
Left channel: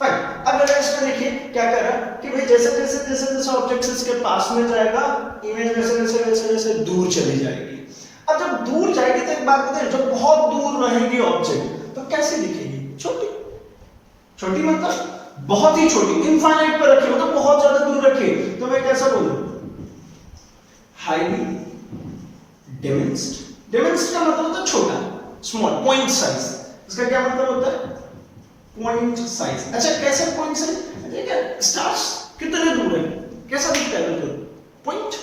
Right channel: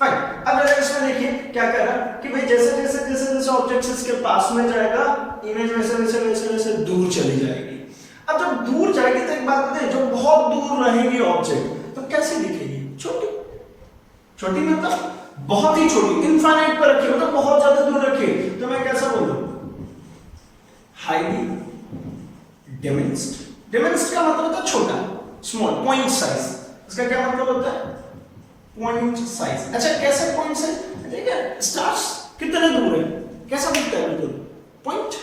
फाइन, अब जरा इसमें देखिए क्या कर रहा कि भाई जैसे जैसे जैसे जैसे ऑब्जेक्ट इसके पास में जाएगा, इमेज वैसे वैसे वैसे वैसे दूर चली जाएगी। अब जब दूर जाएगी तो एक बात बताइए, जब बहुत दूर रहेगी ऑब्जेक्ट तो कैसे दिखेगी, छोटी, छोटी मतलब बहुत ही छोटी, इनफाइनाइट पर रखी, मतलब बहुत ज्यादा दूर रखी, तो मैं कैसा बोलूं, हाईली डिमिनिश्ड। डिमिनिश्ड का मतलब होता है छोटा, स्मॉल, पॉइंट साइज। इसका क्या मतलब होता है, पॉइंट साइज। अच्छा, कैसे पॉइंट साइज, ठीक है, स्टार्स कितने दूर है, कैसा दिखता है, बिल्कुल पॉइंट।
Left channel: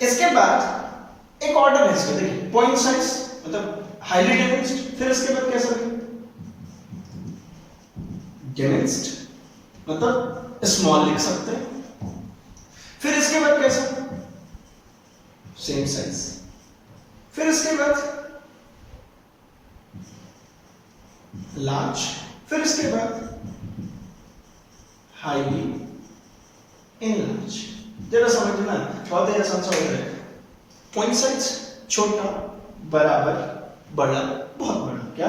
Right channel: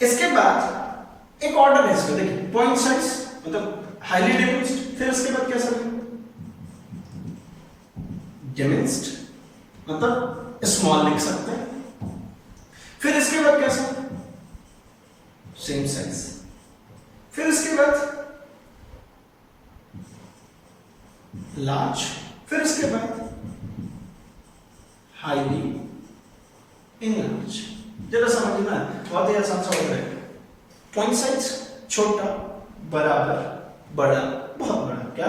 इसके बाद एक ऑर्डर है इसका, देखिए, पॉइंट साइज मतलब हाईली डिमिनिश्ड, फिर इसके बाद कैसा, डिमिनिश्ड मतलब स्मॉल लिख सकते हैं, फिर इसके बाद कैसा, सेम साइज, फिर इसके बाद लार्ज, फिर इसके बाद हाईली इनलार्ज। जरा समझना, बहुत ही आसान सा हो रहा है, पॉइंट साइज छोटा बराबर बड़ा बहुत बड़ा, क्या,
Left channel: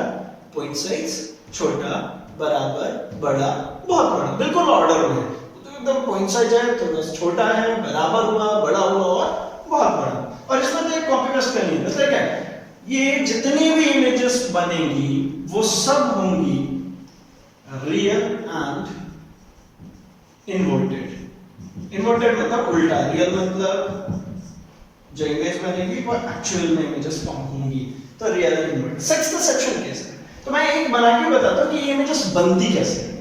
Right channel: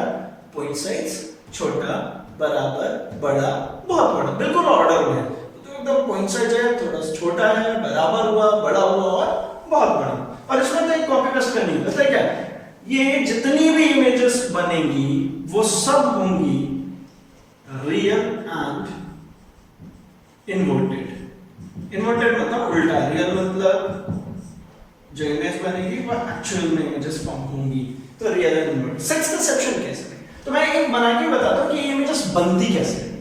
पॉइंट साइज छोटा बराबर बड़ा बहुत बड़ा, बिल्कुल ऑर्डर में, तो एकदम पॉइंट साइज है, थोड़ा छोटा है, बराबर हुआ, बड़ा हुआ और बहुत बड़ा। और इसमें तो एक कॉपी पेस्ट करनी है, पता है क्या, ये जितनी भी इमेजेस बनेंगी वो सब होंगी रियल एंड इन्वर्टेड। इन्वर्टेड मतलब उल्टा, रियल मतलब जो इमेज बनेगी वो एक्चुअल में इमेजेस फॉर्म होंगी, तो real and inverted. Sixth section case है, तो मैं एक बना के बताता हूं कि ये इमेजेस बनती कैसे है।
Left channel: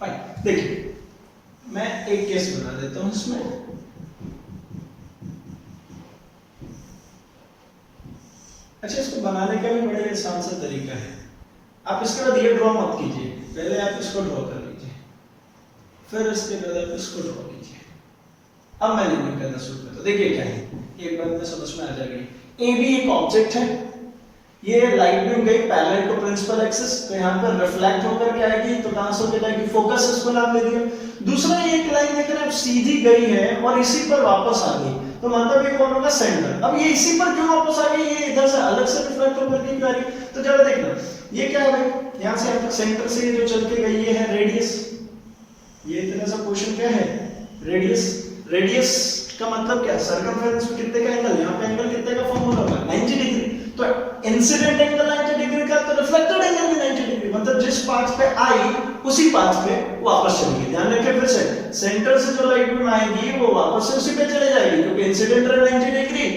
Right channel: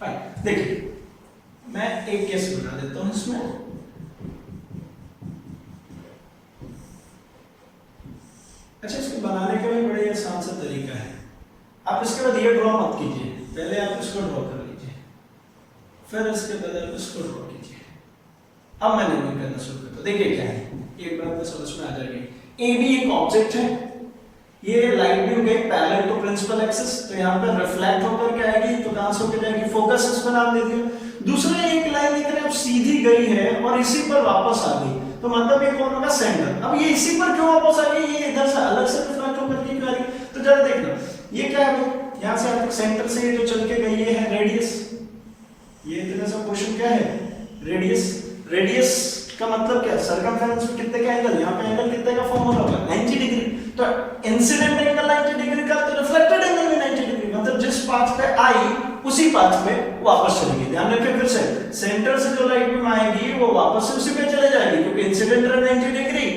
फाइन, देखिए मैं एक केस बना देता हूं इसमें। अच्छा, इसको बनाने का भी बड़ा आसान सा तरीका है। आप इसके बाद ये ड्रॉ मत कीजिए, पहले आप इसको ड्रॉ कर लीजिए, फिर इसके बाद आप इसको ड्रॉ कीजिए। अब मैं नहीं करना शुरू करता, देखिए क्या है, एक बात में समझ में आ जाएगी। ए भी एक ऑब्जेक्ट है, ये लाइट बीम गई पैरेलल टू प्रिंसिपल एक्सिस, तो यहाँ पर रिफ्लेक्ट होकर के आएगी, तो कहां से होकर जाएगी, फोकस, इसमें नाम दे दिया। दूसरा ये एक लाइन लेकर सीधी गई है और इसी पर वापस आ गई, तो मतलब ये कौन होगा, सेंटर। अब ये इसी पर क्यों वापस आ गई, ये इधर से अलग से रिफ्लेक्ट होकर के क्यों आ रही, तो जरा देखना, ये क्या है, यहाँ से आप सेंटर से जो चल के गई है रेडियस, ये इतना सा पोर्शन क्या है रेडियस। रेडियस का मतलब क्या है, सर्कमफेरेंस में कितने का एंगल, यहाँ पे एंगल कितने का फॉर्मूला होगा 90 डिग्री। तो इंसिडेंट एंगल 90 डिग्री का, तो रिफ्लेक्टेड एंगल भी 90 डिग्री, मतलब जिस पाथ पे आई उसी पाथ पे वापस चलेगी। ध्यान रखिए फिर से, सेंटर से जो लाइट बीम आएगी वो वापस से उसी पे चले जाएगी, क्योंकि इंसिडेंट है 90 डिग्री,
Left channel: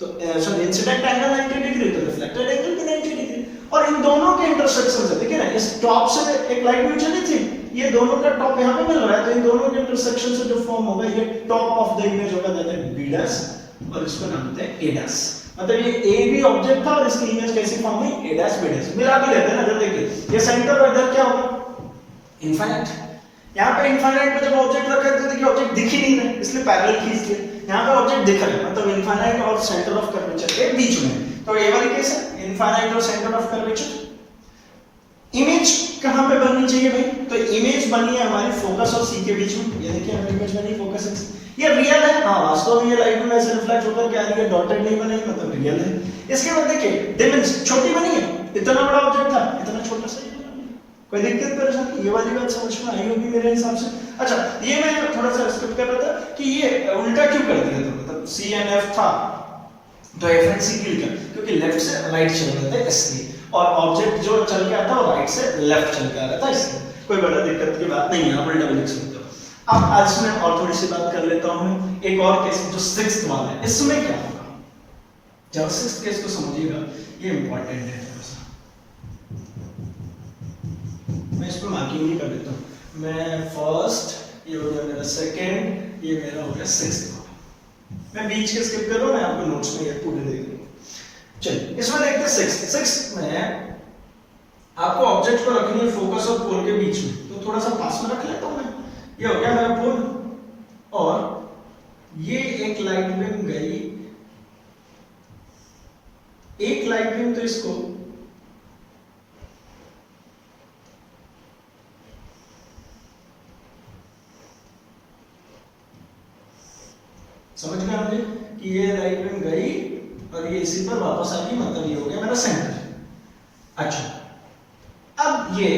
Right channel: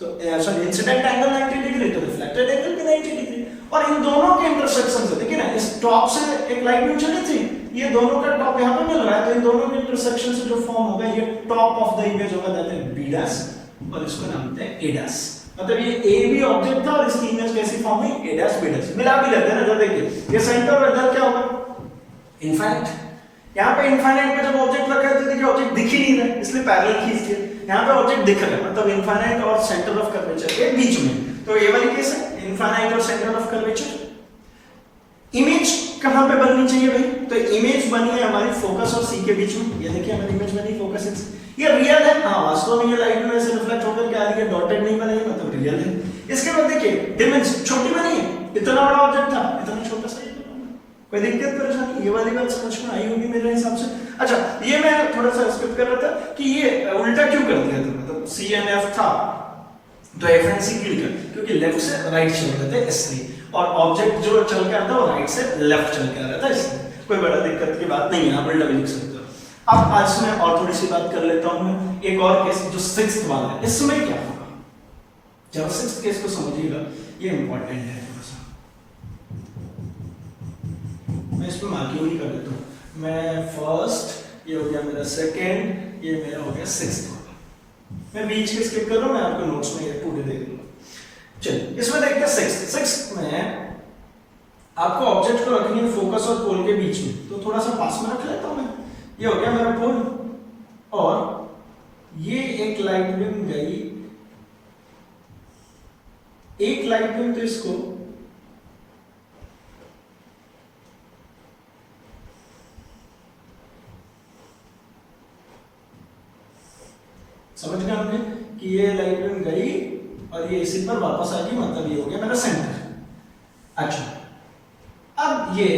तो सॉरी इंसिडेंट एंगल 90 डिग्री, तो रिफ्लेक्टेड एंगल भी 90 डिग्री। और इन दोनों के इंटरसेक्शन से देखिए ना, इस टॉप से एक लाइट बीम चली थी, ये दोनों का टॉप यहाँ पे मिल रहा है, तो इन दोनों के इंटरसेक्शन से जो फॉर्म होगा ये टॉप ऑफ द इमेज होगा, कहते हैं बी डैश, और इसको नाम देते हैं ए डैश। मतलब ये ए भी ऑब्जेक्ट था और इसकी इमेज कैसी फॉर्म हुई, ए डैश बी डैश, मिला भी लेते हैं ना। इधर देखिए ये सेंटर और इधर क्या होगा इनफाइनाइट। यहाँ पे इनफाइनाइट में जब ऑब्जेक्ट रखा है तो देखिए ऑब्जेक्ट दिख ही नहीं रहा, इसलिए पैरेलल खींच दिया। यहाँ पे ऑब्जेक्ट दिख रहा है, मतलब इनफाइनाइट और सेंटर ऑफ कर्वेचर के बीच में, तो ये वाली केस है इनफाइनाइट और सेंटर ऑफ कर्वेचर। इमेज कहां पे बननी चाहिए भाई, तो इमेज बनी है हमारी फोकस और सी के बीच में। ये देखिए हमारी इमेज बनी फोकस एक्स, ये रियल है, हाँ वास्तव में ये लाइट में ऐसे रिफ्लेक्ट होकर क्या आ रही है, डॉटेड नहीं बनाई, मतलब रियल है। इसके बाद देखिए डिमेंशन छोटी बनी है, इतना बड़ा ऑब्जेक्ट था इतना छोटा सा, कोई दिक्कत परेशानी, ये वाली बात समझ में आई होगी मेरे हिसाब से। अच्छा ये मैं थोड़ा सा स्किप कर रहा था कि ये उल्टा क्यों कर दिया था, मतलब सी एंड एफ था तो एफ एंड सी क्यों, क्योंकि लेफ्ट से राइट चल रहे थे इसलिए, और ऑब्जेक्ट जो चल के आता है वो राइट से लेफ्ट चल के आ रहा था, इसलिए कोई बड़ा दिक्कत की बात नहीं है, आप उल्टा भी लिख सकते हो। अब आज मैं और थोड़ी सी बात कर लेता हूं मैं, एक और केस जो सिक्स्थ वाला है, इसमें क्या होगा, जब सिक्स्थ केस को समझिएगा, ये इंपॉर्टेंट है थोड़ा सा, मैं इस पर मार्किंग नहीं कर देता हूं। मैं फर्स्ट, ये हो गया मेरा सेकंड, ये मेरा हो गया सिक्स्थ वाला, मैं बीच के स्किप कर रहा हूं, मैं आपको नोट्स में ये पूरे दे दूंगा। चलिए इसमें देखते हैं सिक्स्थ। सिक्स्थ में आपको ऑब्जेक्ट को रखनी है फोकस और पोल के बीच में, तो थोड़ा सा पास में रख लेता हूं मैं। ये हो गया मेरा पोल, और ये एक लाइट बीम गई, एक लाइट बीम तो इसको समझ गए आपने कि ये लाइट बीम गई और ये इसी पर वापस आ गई, मतलब ये हो गया मेरा सेंटर। अच्छा अब ये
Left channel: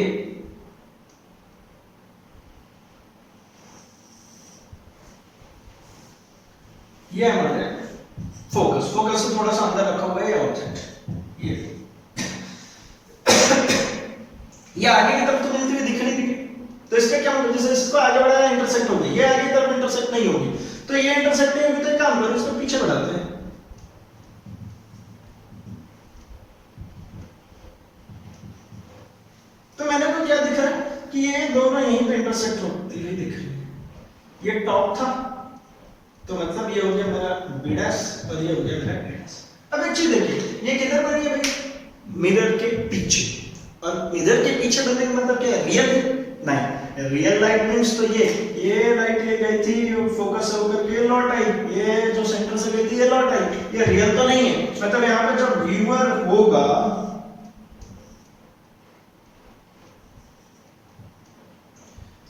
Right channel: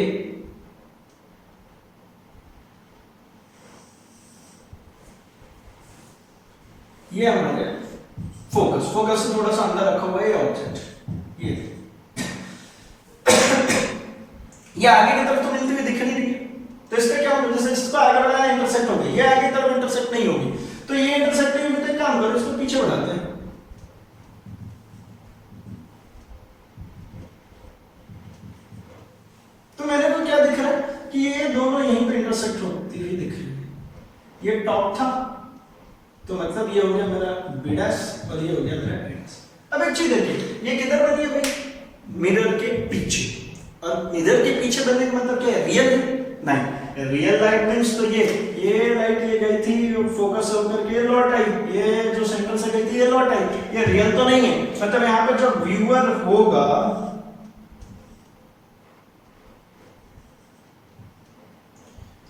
हमारे फोकस से थोड़ा सा अंदर रखा हुआ है ये ऑब्जेक्ट, ये आगे की तरफ तो मिलती हुई दिख नहीं रही, तो इसका क्या होगा, जैसे इसको आगे बढ़ाया इंटरसेक्ट हो गई, ये आगे की तरफ इंटरसेक्ट नहीं होगी, तो ये इंटरसेक्ट नहीं होगी, तो काम करो इसको पीछे बढ़ाते हैं। तो मैंने को क्या दिख रहा है कि ये दोनों यहीं पे इंटरसेक्ट होती हुई दिख रही है, ये टॉप था, तो मतलब ये हो गया मेरा बी डैश और ये हो गया मेरा ए डैश। अब एक चीज देखिए, ये किधर बनी है भाई, मिरर के पीछे, और मिरर के पीछे बनने का मतलब क्या है, रियल है नहीं, रियल लाइट मींस तो ये लाइट ये गई थी फोकस होकर के लौट आई, ये जो सेंटर से गई थी ये लौट आई, ये रियल तो नहीं है। मतलब यहाँ पे जो व्यूअर होगा,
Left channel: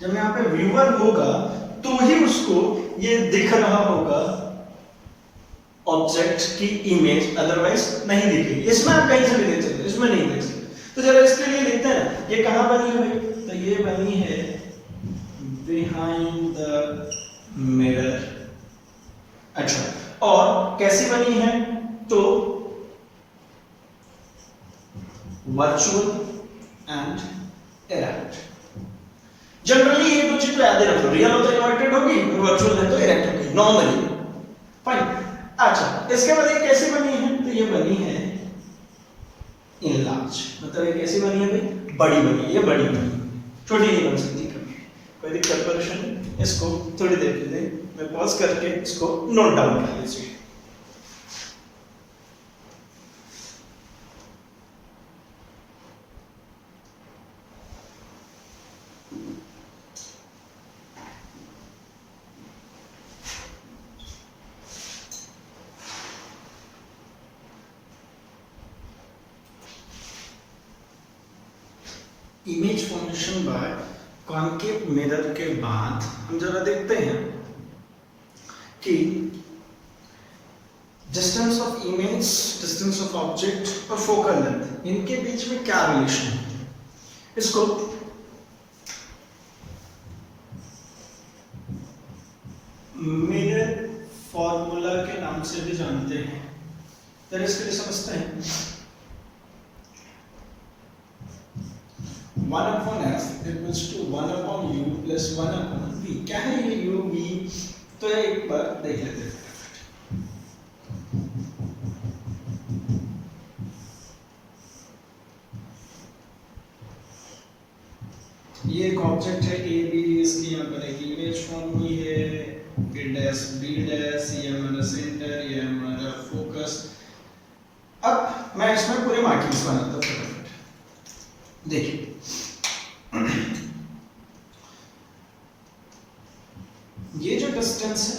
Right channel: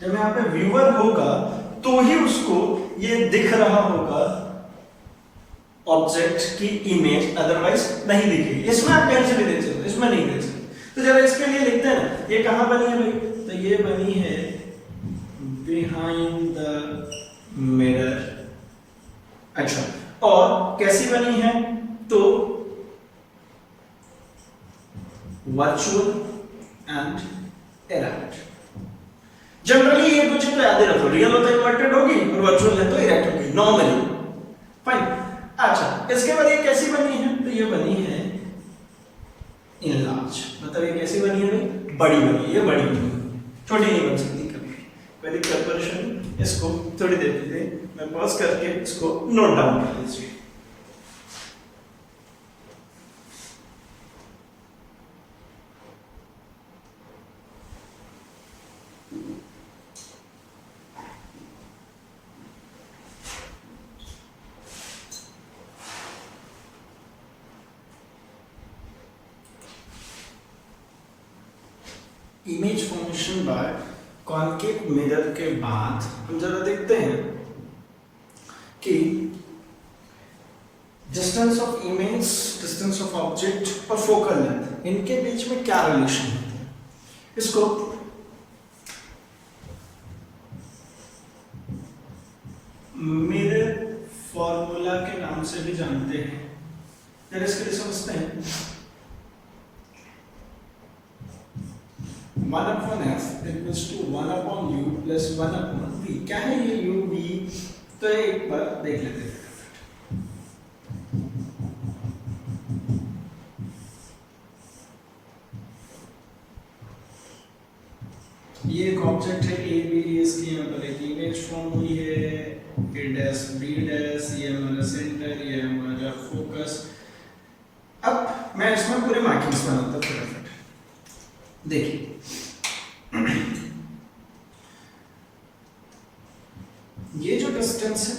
जब यहाँ पे व्यूअर होगा तो ही उसको ये दिख रहा होगा ऑब्जेक्ट की इमेज, अदरवाइज नहीं दिखेगी। इसमें आप कहीं से भी देख सकते, इसमें नहीं देख सकते। तो जरा इसके लिए लिखते हैं, ये कहां बनी है भाई, तो ये बनी है बिहाइंड द मिरर। अच्छा और कैसी बनी है, तो वर्चुअल एंड इरेक्ट। जनरली ये दो चीज तो याद रखो, रियल हो तो इन्वर्टेड होगी और वर्चुअल है तो इरेक्ट होगी नॉर्मली, फाइन। अच्छा इसके बाद ये कैसी बनी है, तो ये बनी है इनलार्ज, मतलब ये कैसी बनी है भाई, बड़ी बनी है, ये बड़ी बनी है, छोटी नहीं बन सकती कभी, कोई दिक्कत परेशानी। इसको थोड़ी देर के लिए मैं पॉज करके इसको नोट डाउन कर लीजिए। Image formation bye concave mirror के बाद हम जरा देखते हैं कि distance of image, distance of object और फोकल लेंथ, इनके बीच में क्या रिलेशन है। इसको मिरर फॉर्मूला के नाम से भी जानते हैं। जरा इसके लिए समझते हैं। 1/f equals to 1/u plus 1/v। क्या है ये u v? तो एक बार देख लेते हैं। ये एक ऑब्जेक्ट है ए बी, इसकी यहाँ पर एक इमेज फॉर्म हुई है ए डैश बी डैश, ये हमारा सेंटर, ये हमारा फोकस। अब मैं इसमें पूरे मार्किंग्स बनाता हूँ फटाफट। देखिए ये जो डिस्टेंस है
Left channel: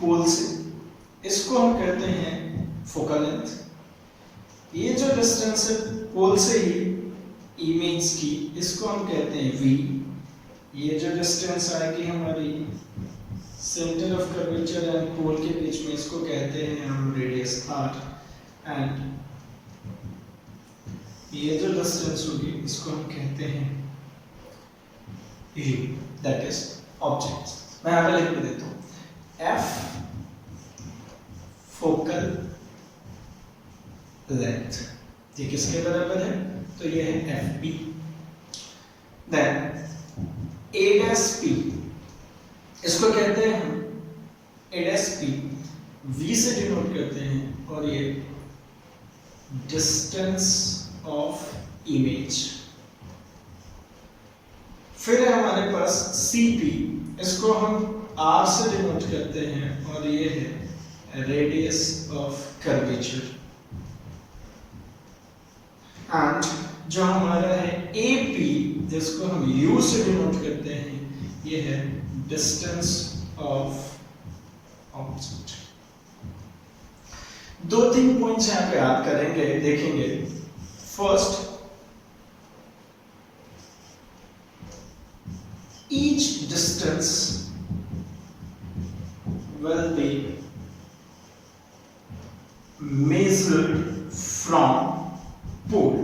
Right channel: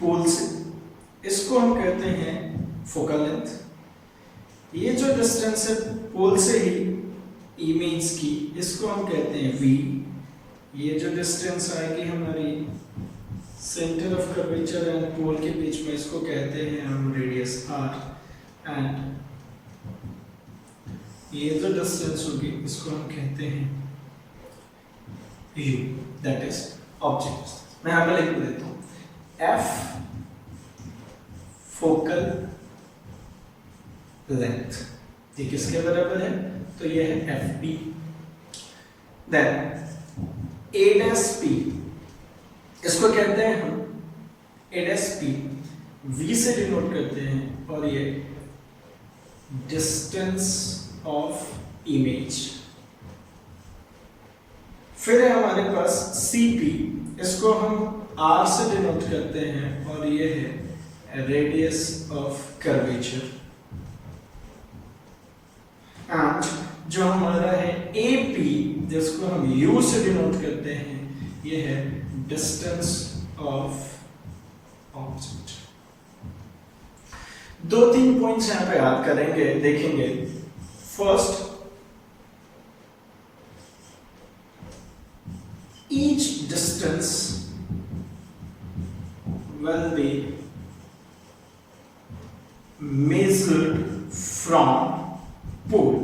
पोल से, इसको हम कहते हैं फोकल लेंथ। ये जो डिस्टेंस है पोल से ही इमेज की, इसको हम कहते हैं v। ये जो डिस्टेंस आएगी हमारी centre of curvature and pole के बीच में, इसको कहते हैं हम रेडियस r। एंड ये जो डिस्टेंस होगी इसको हम कहते हैं u, दैट इज ऑब्जेक्ट। मैं यहां पे लिख देता हूं f फोकल लेंथ। ये किसके बराबर है? तो ये है FB। देन A'(P), इसको कहते हैं हम A'(P), V से डिनोट करते हैं, और ये डिस्टेंस ऑफ इमेज। फिर है हमारे पास CP, इसको हम R से डिनोट करते हैं, और ये है रेडियस ऑफ कर्वेचर। एंड जो हमारा है AP, जिसको हम U से डिनोट करते हैं, ये है डिस्टेंस ऑफ ऑब्जेक्ट। 2-3 पॉइंट्स यहां पे याद करेंगे, देखेंगे। First, each distance will be measured from पोल।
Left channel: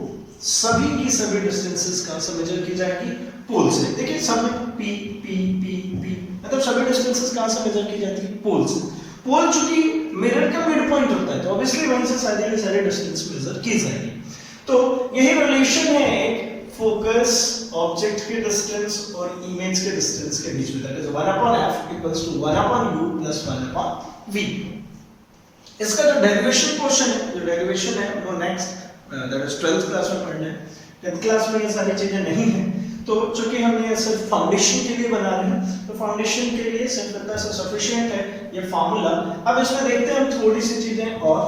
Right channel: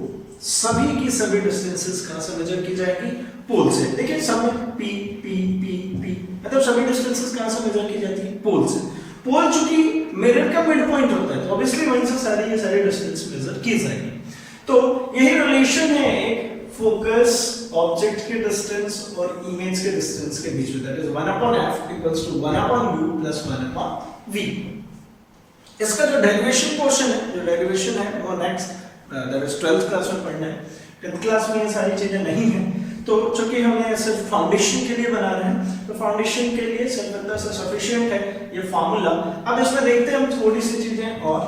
सभी की सभी डिस्टेंसेस कहां से मेजर की जाएगी? पोल से। देखिए सब में P P P P, मतलब सभी डिस्टेंसेस कहां से मेजर की जाती है? पोल से। पोल चूंकि मिरर का मिड पॉइंट होता है, तो ऑब्वियसली वहीं से सारी की सारी डिस्टेंस मेजर की जाएगी। तो यही रिलेशन है एक फोकस ऑब्जेक्ट के डिस्टेंस और इमेज के डिस्टेंस के बीच में, that is 1/f equals to 1/u plus 1/v। इसका जो डेरिवेशन पोर्शन है, जो डेरिवेशन है वो next that is 12th class में पढ़ना है। 10th क्लास में ये सारी चीजें नहीं है, तो चूंकि हम ये सिर्फ फाउंडेशन के लिए बना रहे हैं, तो फाउंडेशन के लिए सिर्फ इतना सा सफिशिएंट है ये फार्मूला। अब इसमें देखते हैं हम थोड़ी सी चीजें और।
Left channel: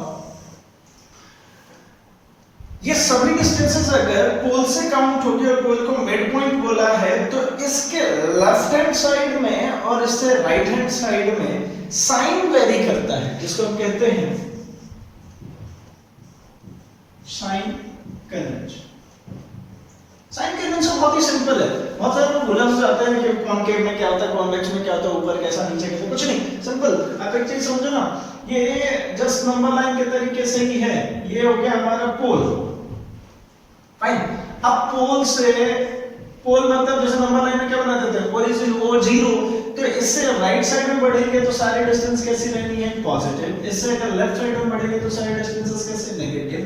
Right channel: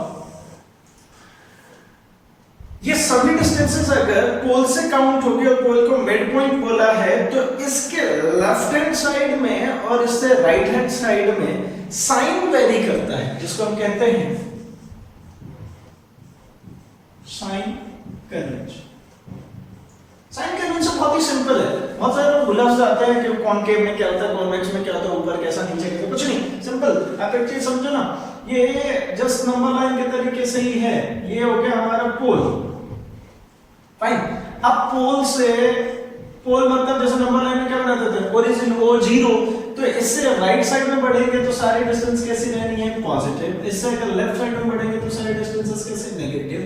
ये सभी डिस्टेंसेस अगर पोल से काउंट होगी और पोल को मिड पॉइंट बोला है, तो इसके लेफ्ट हैंड साइड में और इससे राइट हैंड साइड में साइन वेरी करता है, जिसको हम कहते हैं साइन कन्वेंशन। साइन कन्वेंशन बहुत ही सिंपल है। बहुत सारे लोग भूल जाते हैं कि कॉनकेव में क्या होता है, कॉन्वेक्स में क्या होता है, ऊपर कैसा, नीचे कैसा, कुछ नहीं, सिंपल। आप एक चीज समझो ना, ये जस्ट नंबर लाइन के तरीके से ही है। ये हो गया हमारा पोल, फाइन। अब पोल से, पोल मतलब जैसे नंबर लाइन में क्या बनाते थे, ओरिजिन O0, तो इससे राइट साइड में बढ़ेंगे तो सारी डिस्टेंस कैसी रहनी है? पॉजिटिव। इससे अगर लेफ्ट साइड में बढ़ेंगे तो सारी डिस्टेंसेस कैसे? नेगेटिव।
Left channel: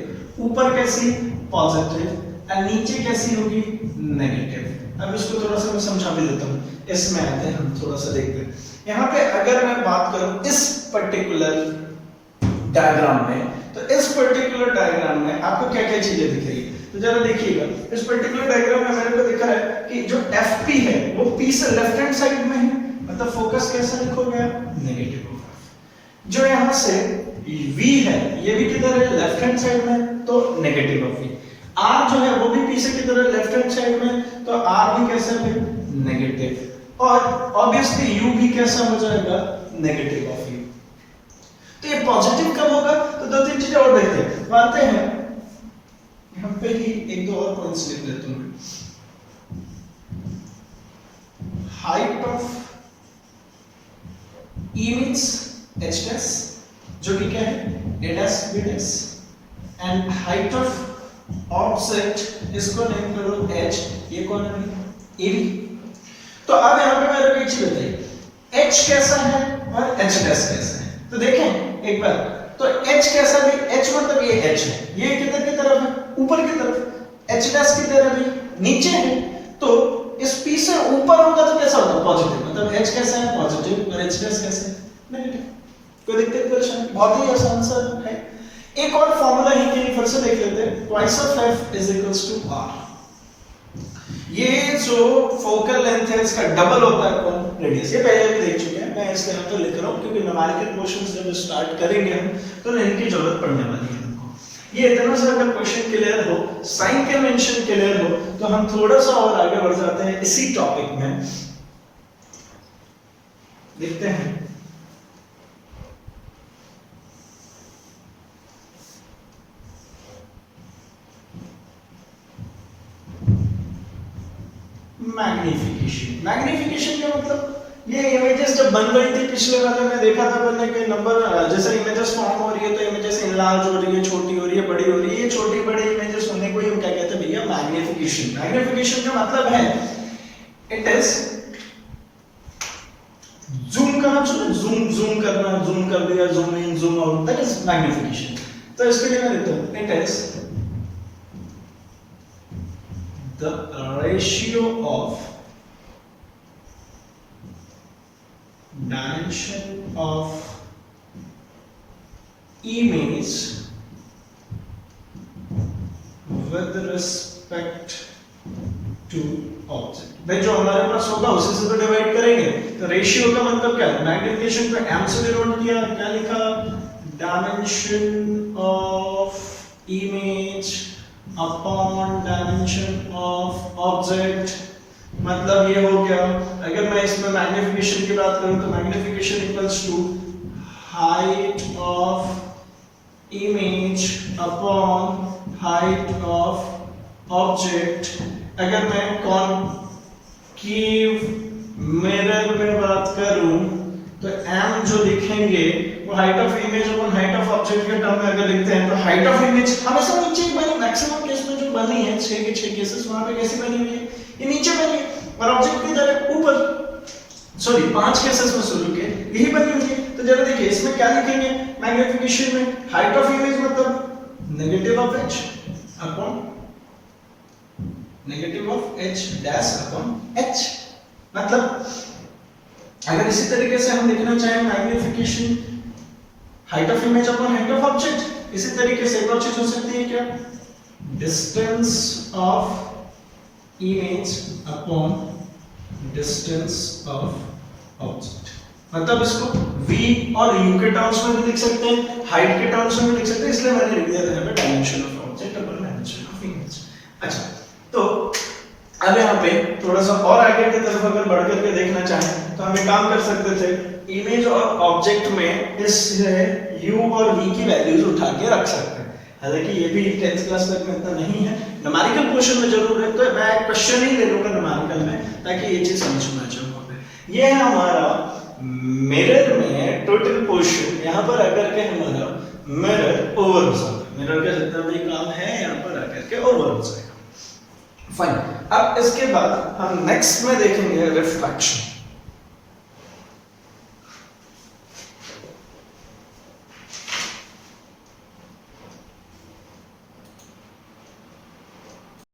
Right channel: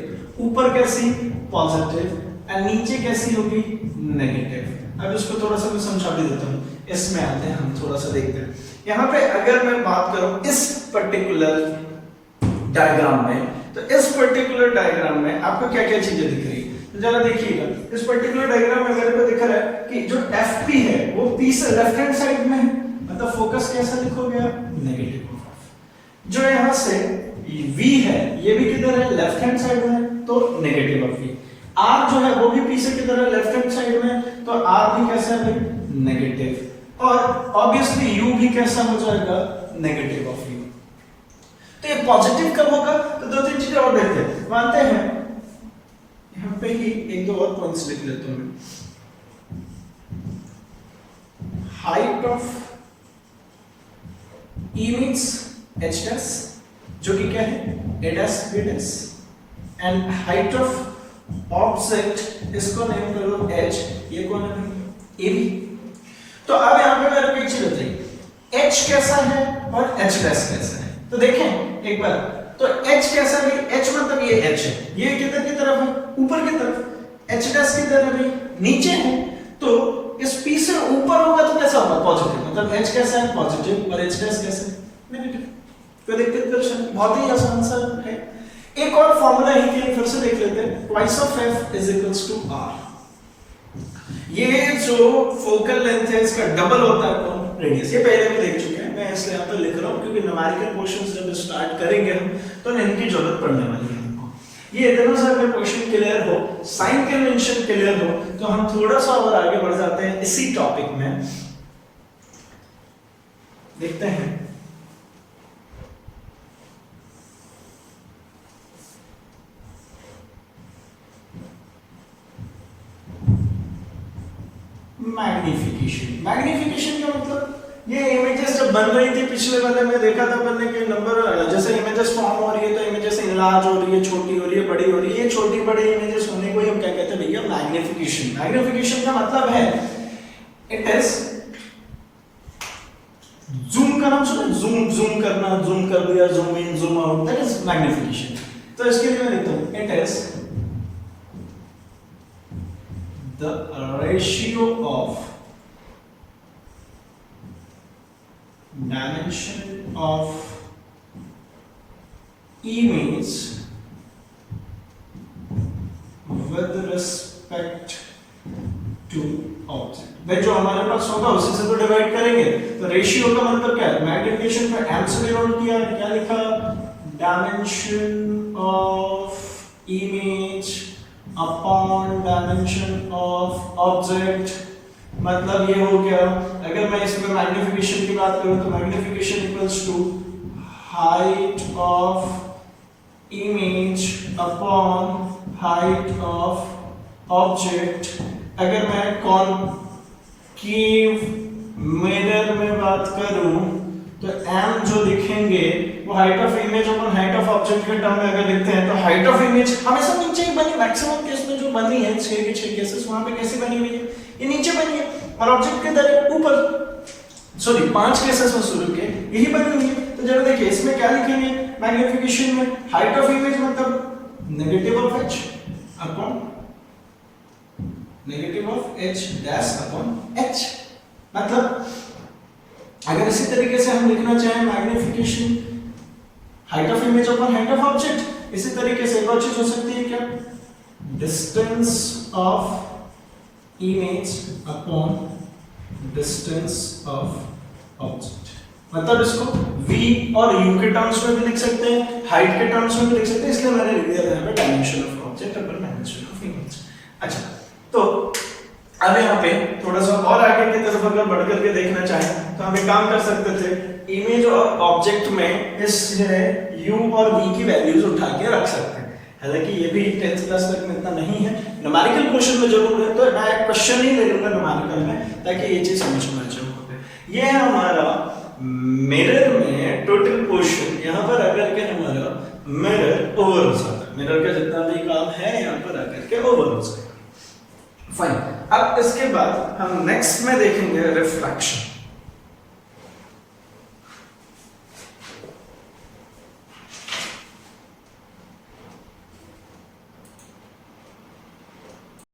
ऊपर कैसी? पॉजिटिव। और नीचे कैसी होगी? नेगेटिव। अब इसको थोड़ा सा मैं समझा भी देता हूँ। इसमें आते हैं हम, थोड़ा सा देखते हैं। यहाँ पे अगर मैं बात करूं इस पर्टिकुलर डायग्राम में, तो इस पर्टिकुलर डायग्राम में आपको क्या क्या चीजें दिख रही है? तो जरा देखिएगा, इस पर्टिकुलर डायग्राम में मेरे को दिख रहा है कि जो FP है वो P से लेफ्ट हैंड साइड में है, मतलब फोकस कैसा लिखोगे? Negative of f। जो यहाँ से V है, ये भी किधर है? लेफ्ट हैंड साइड में, तो नेगेटिव ऑफ v। R जो है वो भी P से किधर है? लेफ्ट हैंड साइड में, तो R भी कैसा है? नेगेटिव। और ऑब्वियसली U भी कैसा हो जाएगा? Negative of u। तो ये पॉजिटिव कब होगा? तो 2-3 चीजें और देखते हैं, मानते हैं यहाँ पे ही 1-2 और पॉइंट्स लिख देता हूं। हाइट ऑफ इमेज h' जो कि क्या है? a' b' and height of object, इसको नेम करो h, ये कौन है ए बी। तो अब यहाँ पे मेरे को एक चीज बताइए, h कैसा है और h डैश कैसा है। तो देखें एक बार, तो h कैसा है, h मतलब ये h है, ये किधर की तरफ है, ऊपर की तरफ, h डैश की तरफ है, नीचे है। तो इस p से ऊपर होगा तो कैसा होगा, पॉजिटिव, मतलब h कैसा है पॉजिटिव और h डैश कैसा है नेगेटिव। कोई दिक्कत परेशानी, बहुत ही आसान सा है। एक और फॉर्मूला ही के फिर से देख लेते हैं, twice of f is equals to r। ये जो फोकल लेंथ है इसका डबल होता है कौन, रेडियस। ये पहले भी देख चुके हैं, मैं इसलिए यहाँ पे लिख रहा हूँ क्योंकि न्यूमेरिकल क्वेश्चंस जब स्टार्ट करेंगे हम तो इनकी जरूरत पड़ने वाली है हमको। ये इतना सा अगर क्वेश्चन क्लियर हो, साइन कन्वेंशन क्लियर हो, तो हम थोड़ा सा और आगे बढ़ जाते हैं इसी टॉपिक में। देखते हैं मैग्निफिकेशन। मैग्निफिकेशन का मतलब ये इमेजेस जब बन रही थी पिछले वाले में देखा था बनने के नंबर, जैसे इमेजेस फॉर्म हो रही है तो इमेजेस इनलार्ज हो रही है, छोटी हो रही है, बड़ी हो रही है। ये छोटी बड़ी इमेजेस होने को ही हम क्या कहते हैं भैया, मैग्निफिकेशन। मैग्निफिकेशन का मतलब है इट इज जूम करना, जूम करना, जूम कर दिया, zoom in zoom out, that is magnification. तो इसके लिए मैं लिखता हूं it is the ratio of dimension of image with respect to object। भाई जो हमारे पास होगा उसी से तो डिवाइड करेंगे। तो रेशियो का मतलब क्या है, मैग्निफिकेशन पे m से डिनोट किया, क्या लिखा, dimension of image upon dimension of object. मतलब ये हो गया, अगर मैं इसमें मैग्निफिकेशन की बात करूं तो magnification equals to height of image upon height of object. अगर मैं कॉनकेव मिरर में बात करूं तो m जो लिखेंगे वो height of image upon height of object के टर्म में अगर लिखते हैं तो हाइट ऑफ इमेज हमेशा नीचे ही बनी, मैक्सिमम केस में जो बनी है 6 के 6 केसेस वहां पे कैसी बनी हुई है, ये नीचे बनी है, और ऑब्जेक्ट की तरह ऊपर, सॉरी 5 केसेस में शुरू के यही बनी हुई है। तो जरा देखिए इसमें क्या लिखेंगे, मैग्निफिकेशन में हाइट ऑफ इमेज मतलब negative of h upon negative of h dash upon h। मतलब अगर इसी तरीके से हम लिखना चाहें magnification height of image upon height of object, इसी तरीके से एक और चीज हो सकती है क्या, distance of image upon distance of object. मतलब इसको v और u के टर्म्स में भी लिख सकते हैं, हाइट के टर्म्स में भी लिख सकते हैं, इसलिए मैंने लिख दिया था यहाँ पे dimension of object upon dimension of image. अच्छा, तो अब यहाँ पे थोड़ा सा और आगे की तरफ अगर बढ़ करके देखना चाहें तो हम एक काम कर सकते थे, इमेज और ऑब्जेक्ट में इस u और v की वैल्यूज उठा के रख सकते हैं। हालांकि ये भी 10th क्लास तक में इतना नहीं है, न्यूमेरिकल क्वेश्चन में जरूर है, तो मैं क्वेश्चन ही ले लूंगा न्यूमेरिकल में ताकि ये चीज समझ में आ जाए। ये है हमारा मिरर में टोटल पोर्शन, यहाँ पर आकर के हमारा मिरर ओवर हो जाता है, मिरर का जितना भी काम है यहाँ पर आकर के ओवर हो जाएगा। फाइन, अब इसके बाद हम नेक्स्ट में देखेंगे रिफ्रैक्शन।